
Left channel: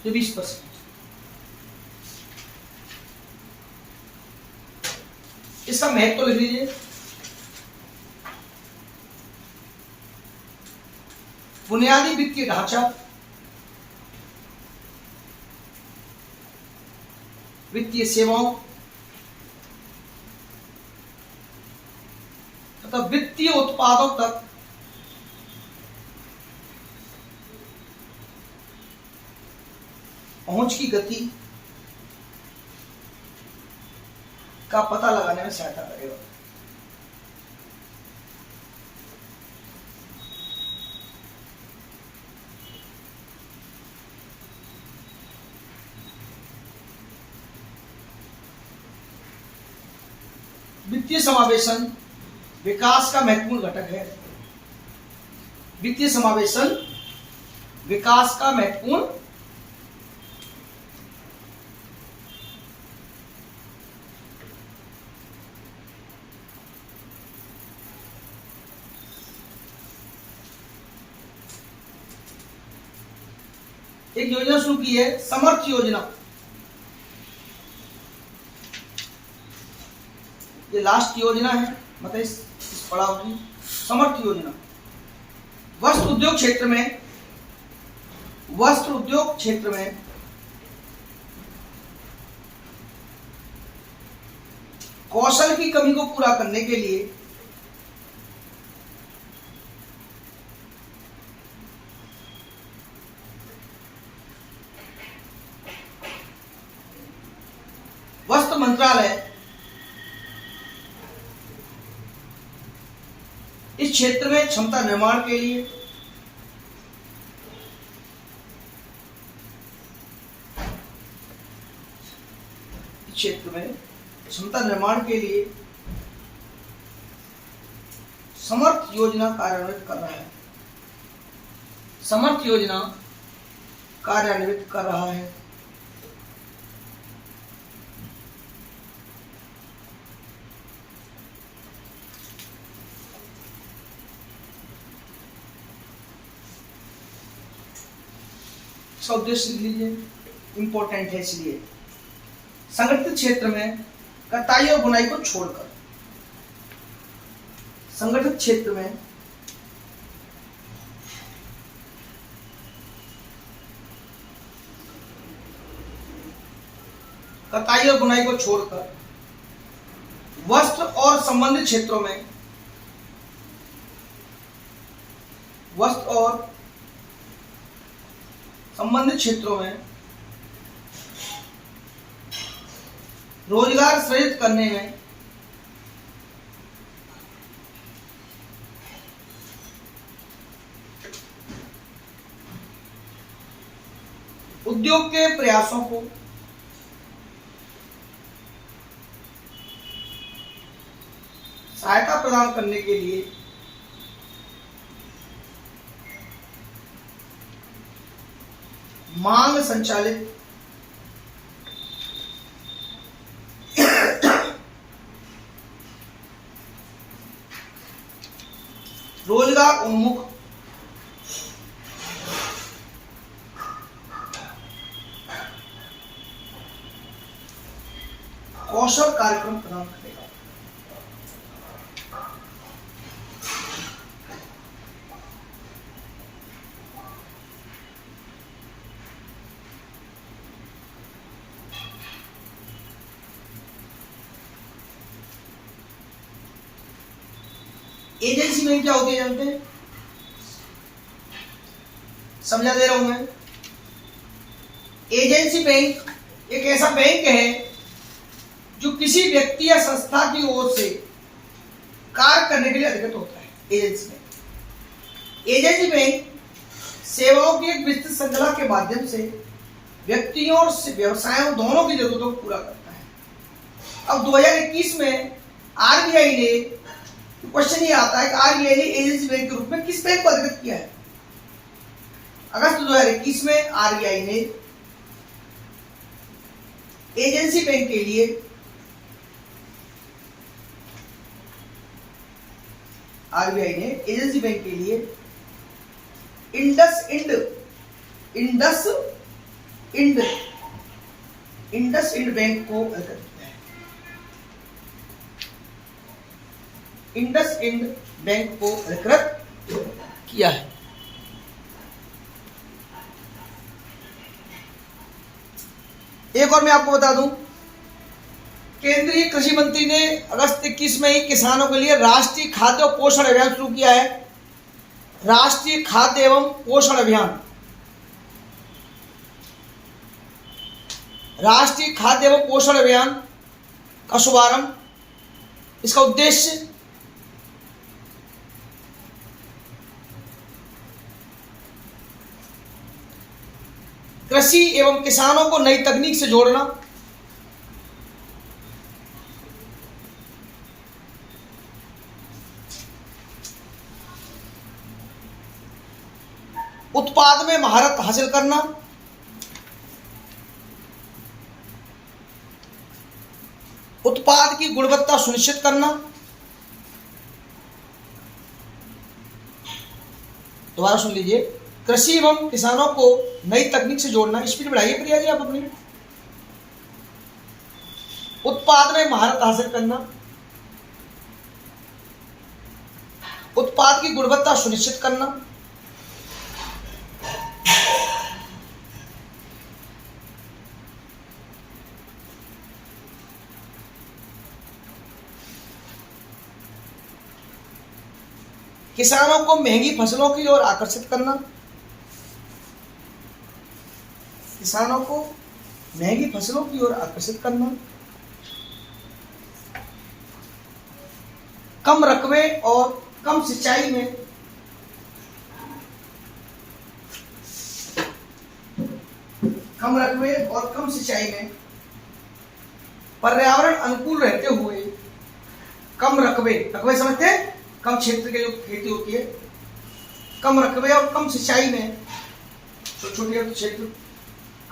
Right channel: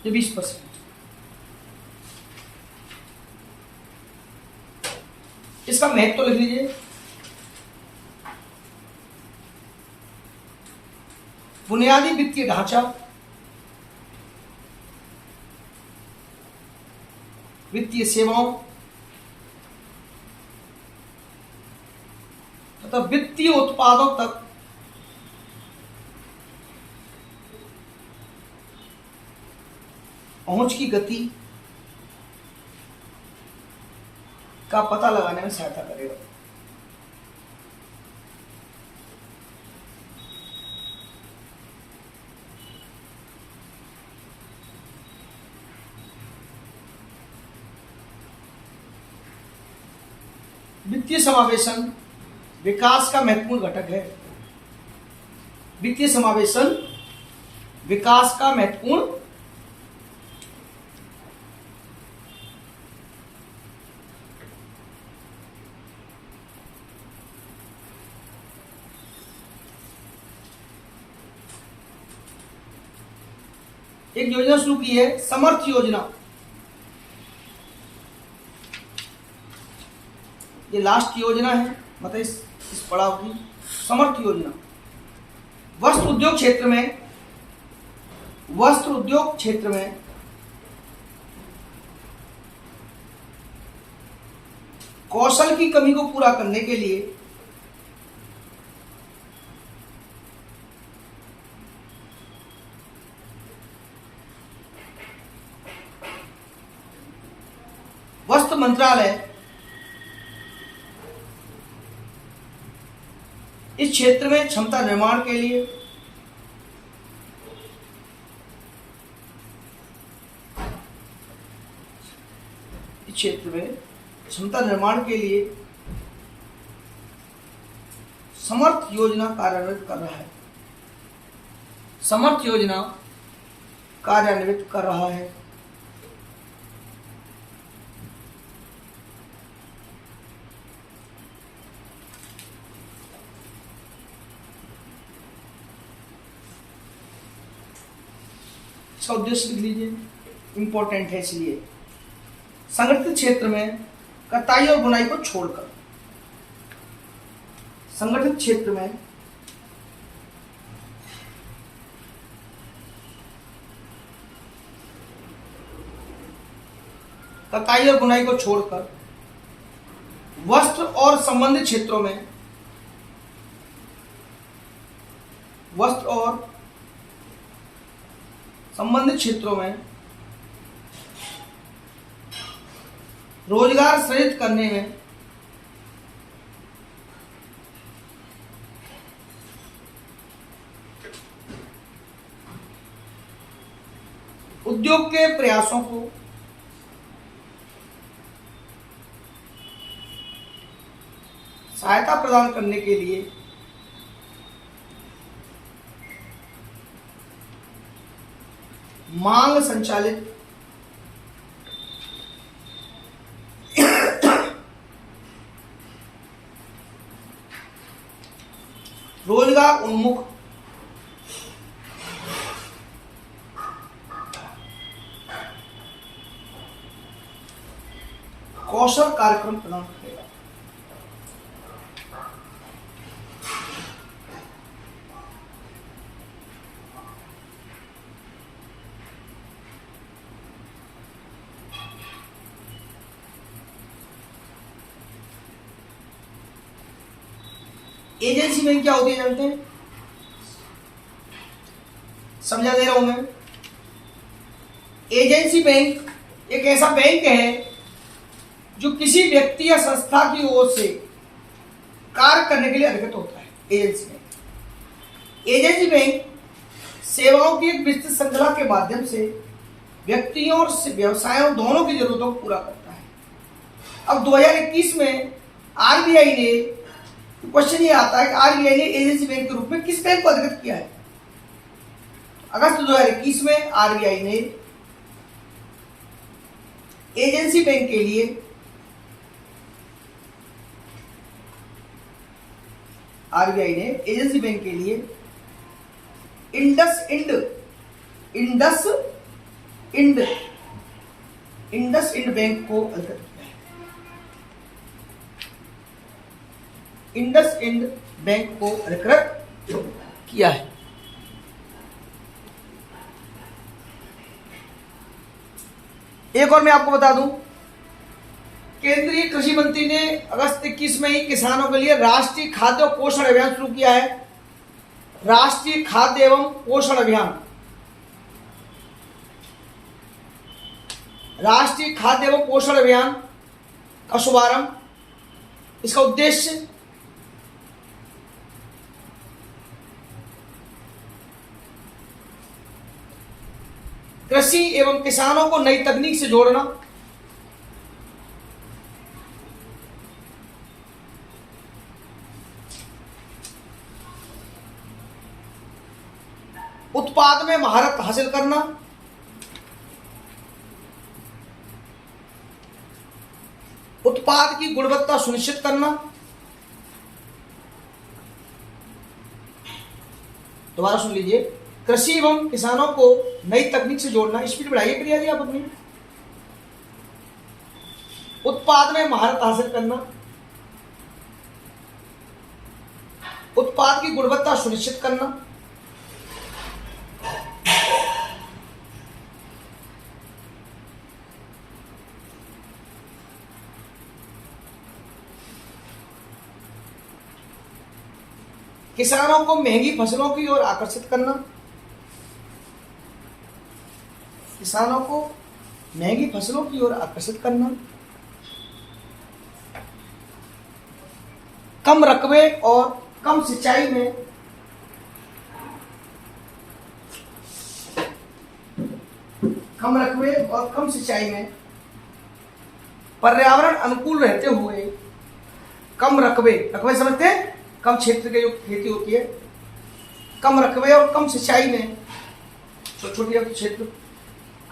ये 20%। इसका महत्व तो लिख लीजिए। बुनियादी वित्तीय ढांचा, वित्तीय सेवाओं तथा वित्तीय उत्पादों तक पहुंच की गति का पता लगाने में सहायता करेगा। वित्तीय समावेशन विकास का महत्वपूर्ण घटक है। वित्तीय समावेशन विकास का महत्वपूर्ण एक योजना शुरू की है, समर्थ योजना। ये लास्ट योजना है, मतलब इस पड़ाव की समर्थ योजना। वस्त्र उद्योग क्षेत्र में कौशल की कमी को पूरा करने के लिए वस्त्र मंत्रालय इस क्षेत्र में क्षमता निर्माण के लिए समर्थ योजना कार्यान्वित कर रहा है। समर्थ योजना कार्यान्वित कर रहा है। इसका उद्देश्य लिख लीजिए, इंपॉर्टेंट है इसलिए। संगठित क्षेत्र में कताई और बुनाई को छोड़कर, संगठित क्षेत्र में कताई और बुनाई को छोड़कर वस्त्र और संबंधित क्षेत्रों में रोजगार सृजित करने में उद्योग के प्रयासों को सहायता प्रदान करने के लिए मांग संचालित रोजगार उन्मुख कौशल कार्यक्रम प्रदान करेगा। एजेंसी बैंक क्या होती है जानते हैं? समझा दे रहा हूं मैं। एजेंसी बैंक एक ऐसा बैंक है जो किसी व्यक्ति या संस्था की ओर से कार्य करने के लिए अधिकृत होता है। एजेंसी बैंक सेवाओं की एक विस्तृत श्रृंखला के माध्यम से व्यक्तियों और व्यवसायों दोनों की जरूरतों को पूरा करता है। अब 2021 में आरबीआई ने, क्वेश्चन ये आता है कि आरबीआई ने एजेंसी बैंक के रूप में किस बैंक को अधिकृत किया है? अगस्त 2021 में आरबीआई ने एजेंसी बैंक के लिए इंडस इंड बैंक को अधिकृत किया है। इंडस इंड बैंक को अधिकृत किया है। एक और मैं आपको बता दूं, केंद्रीय कृषि मंत्री ने अगस्त 21 में ही किसानों के लिए राष्ट्रीय खाद्य और पोषण अभियान शुरू किया है। राष्ट्रीय खाद्य एवं पोषण अभियान, राष्ट्रीय खाद्य एवं पोषण अभियान का शुभारंभ। इसका उद्देश्य कृषि एवं किसानों को नई तकनीक से जोड़ना, उत्पाद में महारत हासिल करना, उत्पाद की गुणवत्ता सुनिश्चित करना। दोबारा सुन लीजिए, कृषि एवं किसानों को नई तकनीक से जोड़ना। स्पीड बढ़ाइए प्रिया जी आप अपनी। उत्पाद में महारत हासिल करना, उत्पाद की गुणवत्ता सुनिश्चित करना, किसानों को महंगी फसलों की ओर आकर्षित करना, किसानों को महंगी फसलों की ओर आकर्षित करना, कम रकबे और कम सिंचाई में पर्यावरण अनुकूल रहते हुए कम रकबे समझते हैं? कम क्षेत्र के जो खेती होती है, कम रकबे और कम सिंचाई में, छोटे क्षेत्र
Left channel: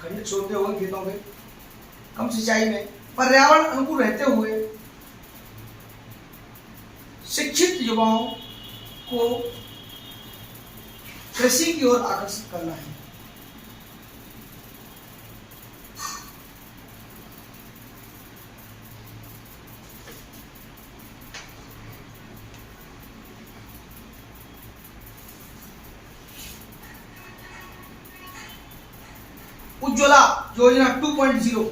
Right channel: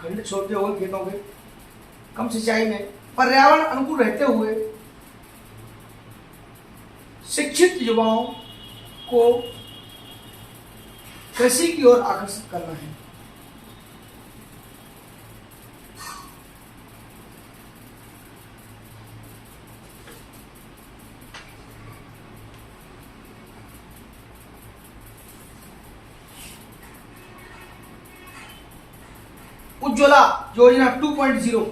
खंड छोटे होंगे खेतों के, कम सिंचाई में पर्यावरण अनुकूल रहते हुए शिक्षित युवाओं को कृषि की ओर आकर्षित करना है। उज्ज्वला योजना 2.0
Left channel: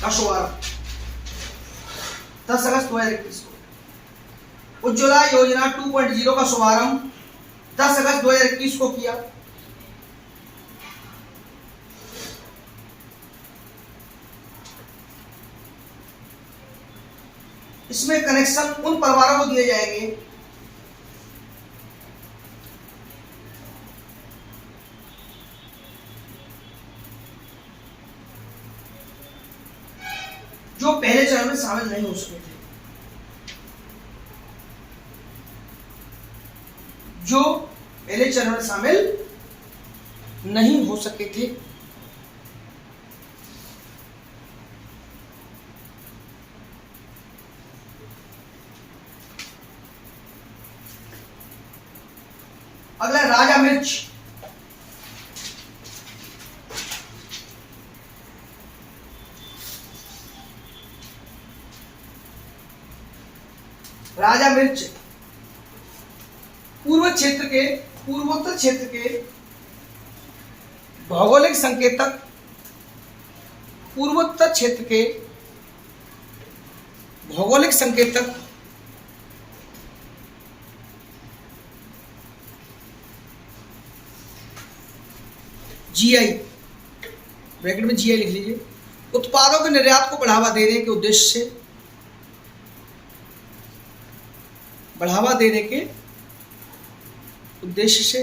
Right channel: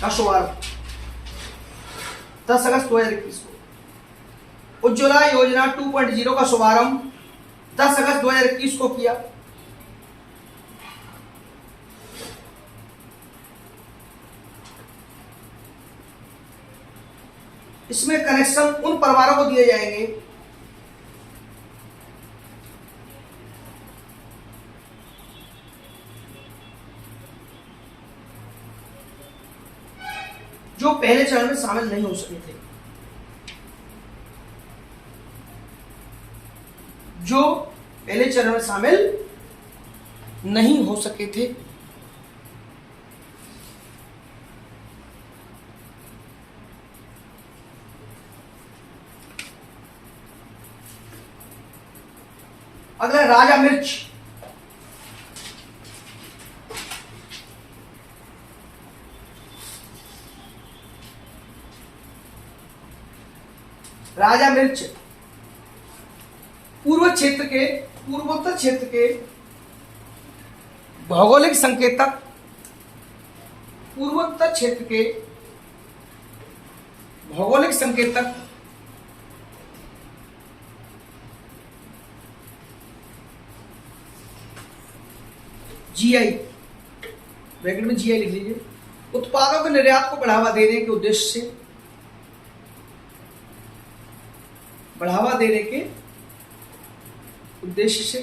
का शुभारंभ 10 अगस्त 2021 को। उज्ज्वला योजना 2.0 का शुभारंभ 10 अगस्त 2021 को किया। इसमें कनेक्शन उन परिवारों को दिए जाएंगे जो पहले चरण में शामिल नहीं हो सके थे, जो पहले चरण में शामिल नहीं हो सके थे। अगला राजा मिर्च। राजा मिर्च पूर्वोत्तर क्षेत्र के भौगोलिक संकेतक, पूर्वोत्तर क्षेत्र के भौगोलिक संकेतक जीआई, ब्रैकेट में जीआई लिख लीजिए, उत्पादों के निर्यात को बढ़ावा देने के उद्देश्य से, बढ़ावा देने के उद्देश्य से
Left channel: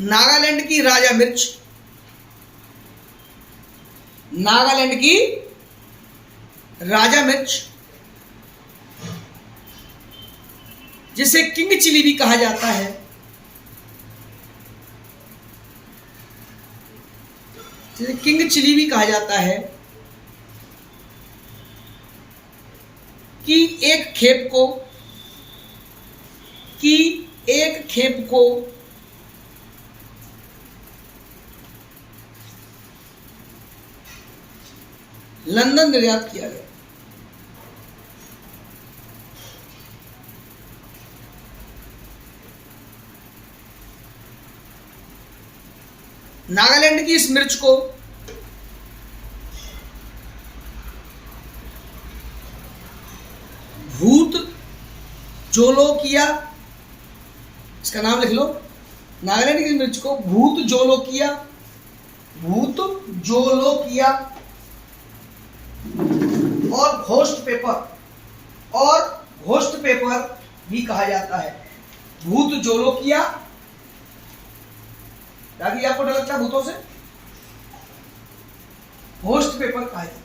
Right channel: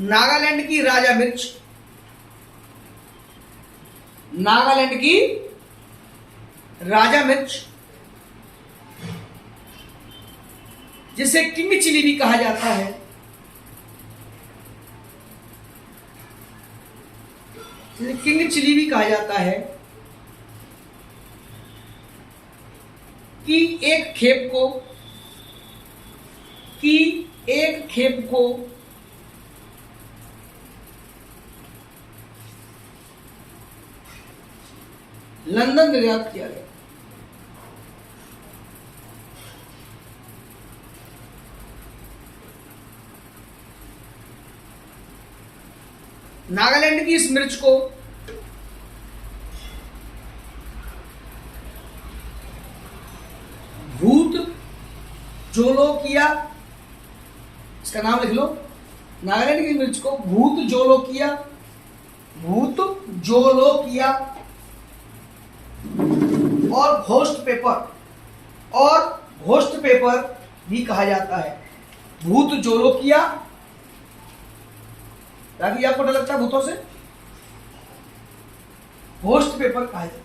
नागालैंड की राजा मिर्च, नागालैंड की राजा मिर्च, जिसे किंग चिली भी कहा जाता है, जिसे किंग चिली भी कहा जाता है, कि एक खेप को लंदन निर्यात किया गया। नागालैंड की इस मिर्च को भूत जोलोकिया, इसका नाम लिख लो, नागालैंड की मिर्च को भूत जोलोकिया और घोस्ट पेपर भी कहा जाता है। भूत जोलोकिया, याद आपको डर लगता है भूतों से, घोस्ट पेपर कहा जाता है।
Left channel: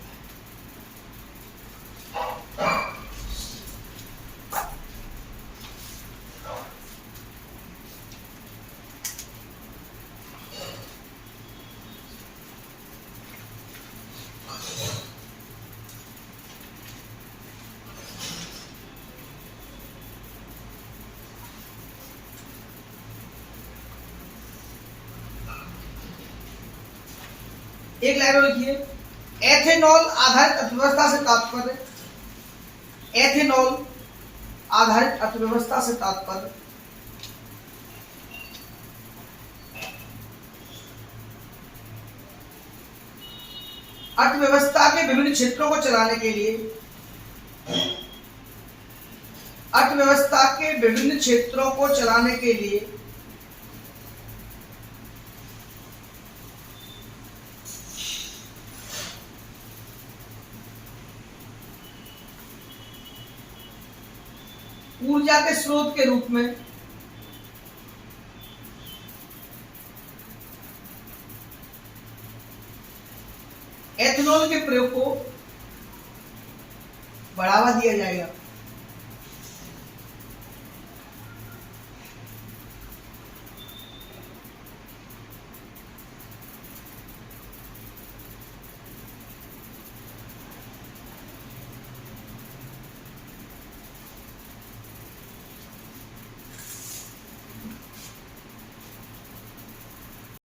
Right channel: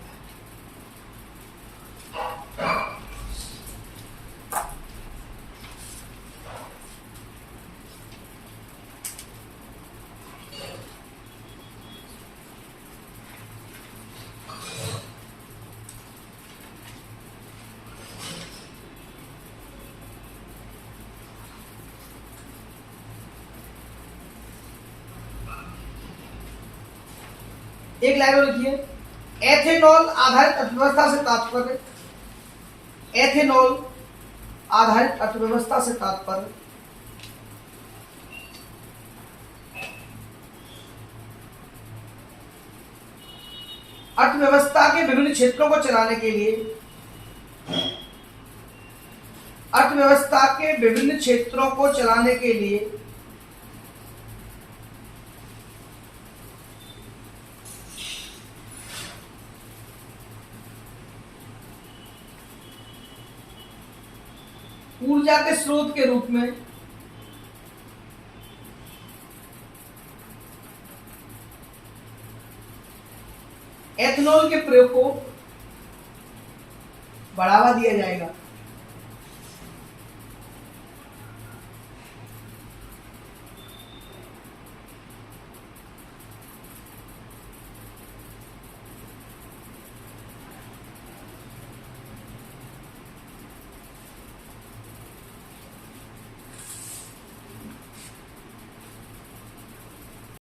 एक लाइन और लिखिए, एथेनॉल आधारित अर्थव्यवस्था से तात्पर्य, एथेनॉल आधारित अर्थव्यवस्था से तात्पर्य अर्थव्यवस्था के विभिन्न क्षेत्रों को चलाने के लिए, अर्थव्यवस्था के विभिन्न क्षेत्रों को चलाने के लिए ऊर्जा के स्रोत के रूप में एथेनॉल के प्रयोग को बढ़ावा दिया जाएगा।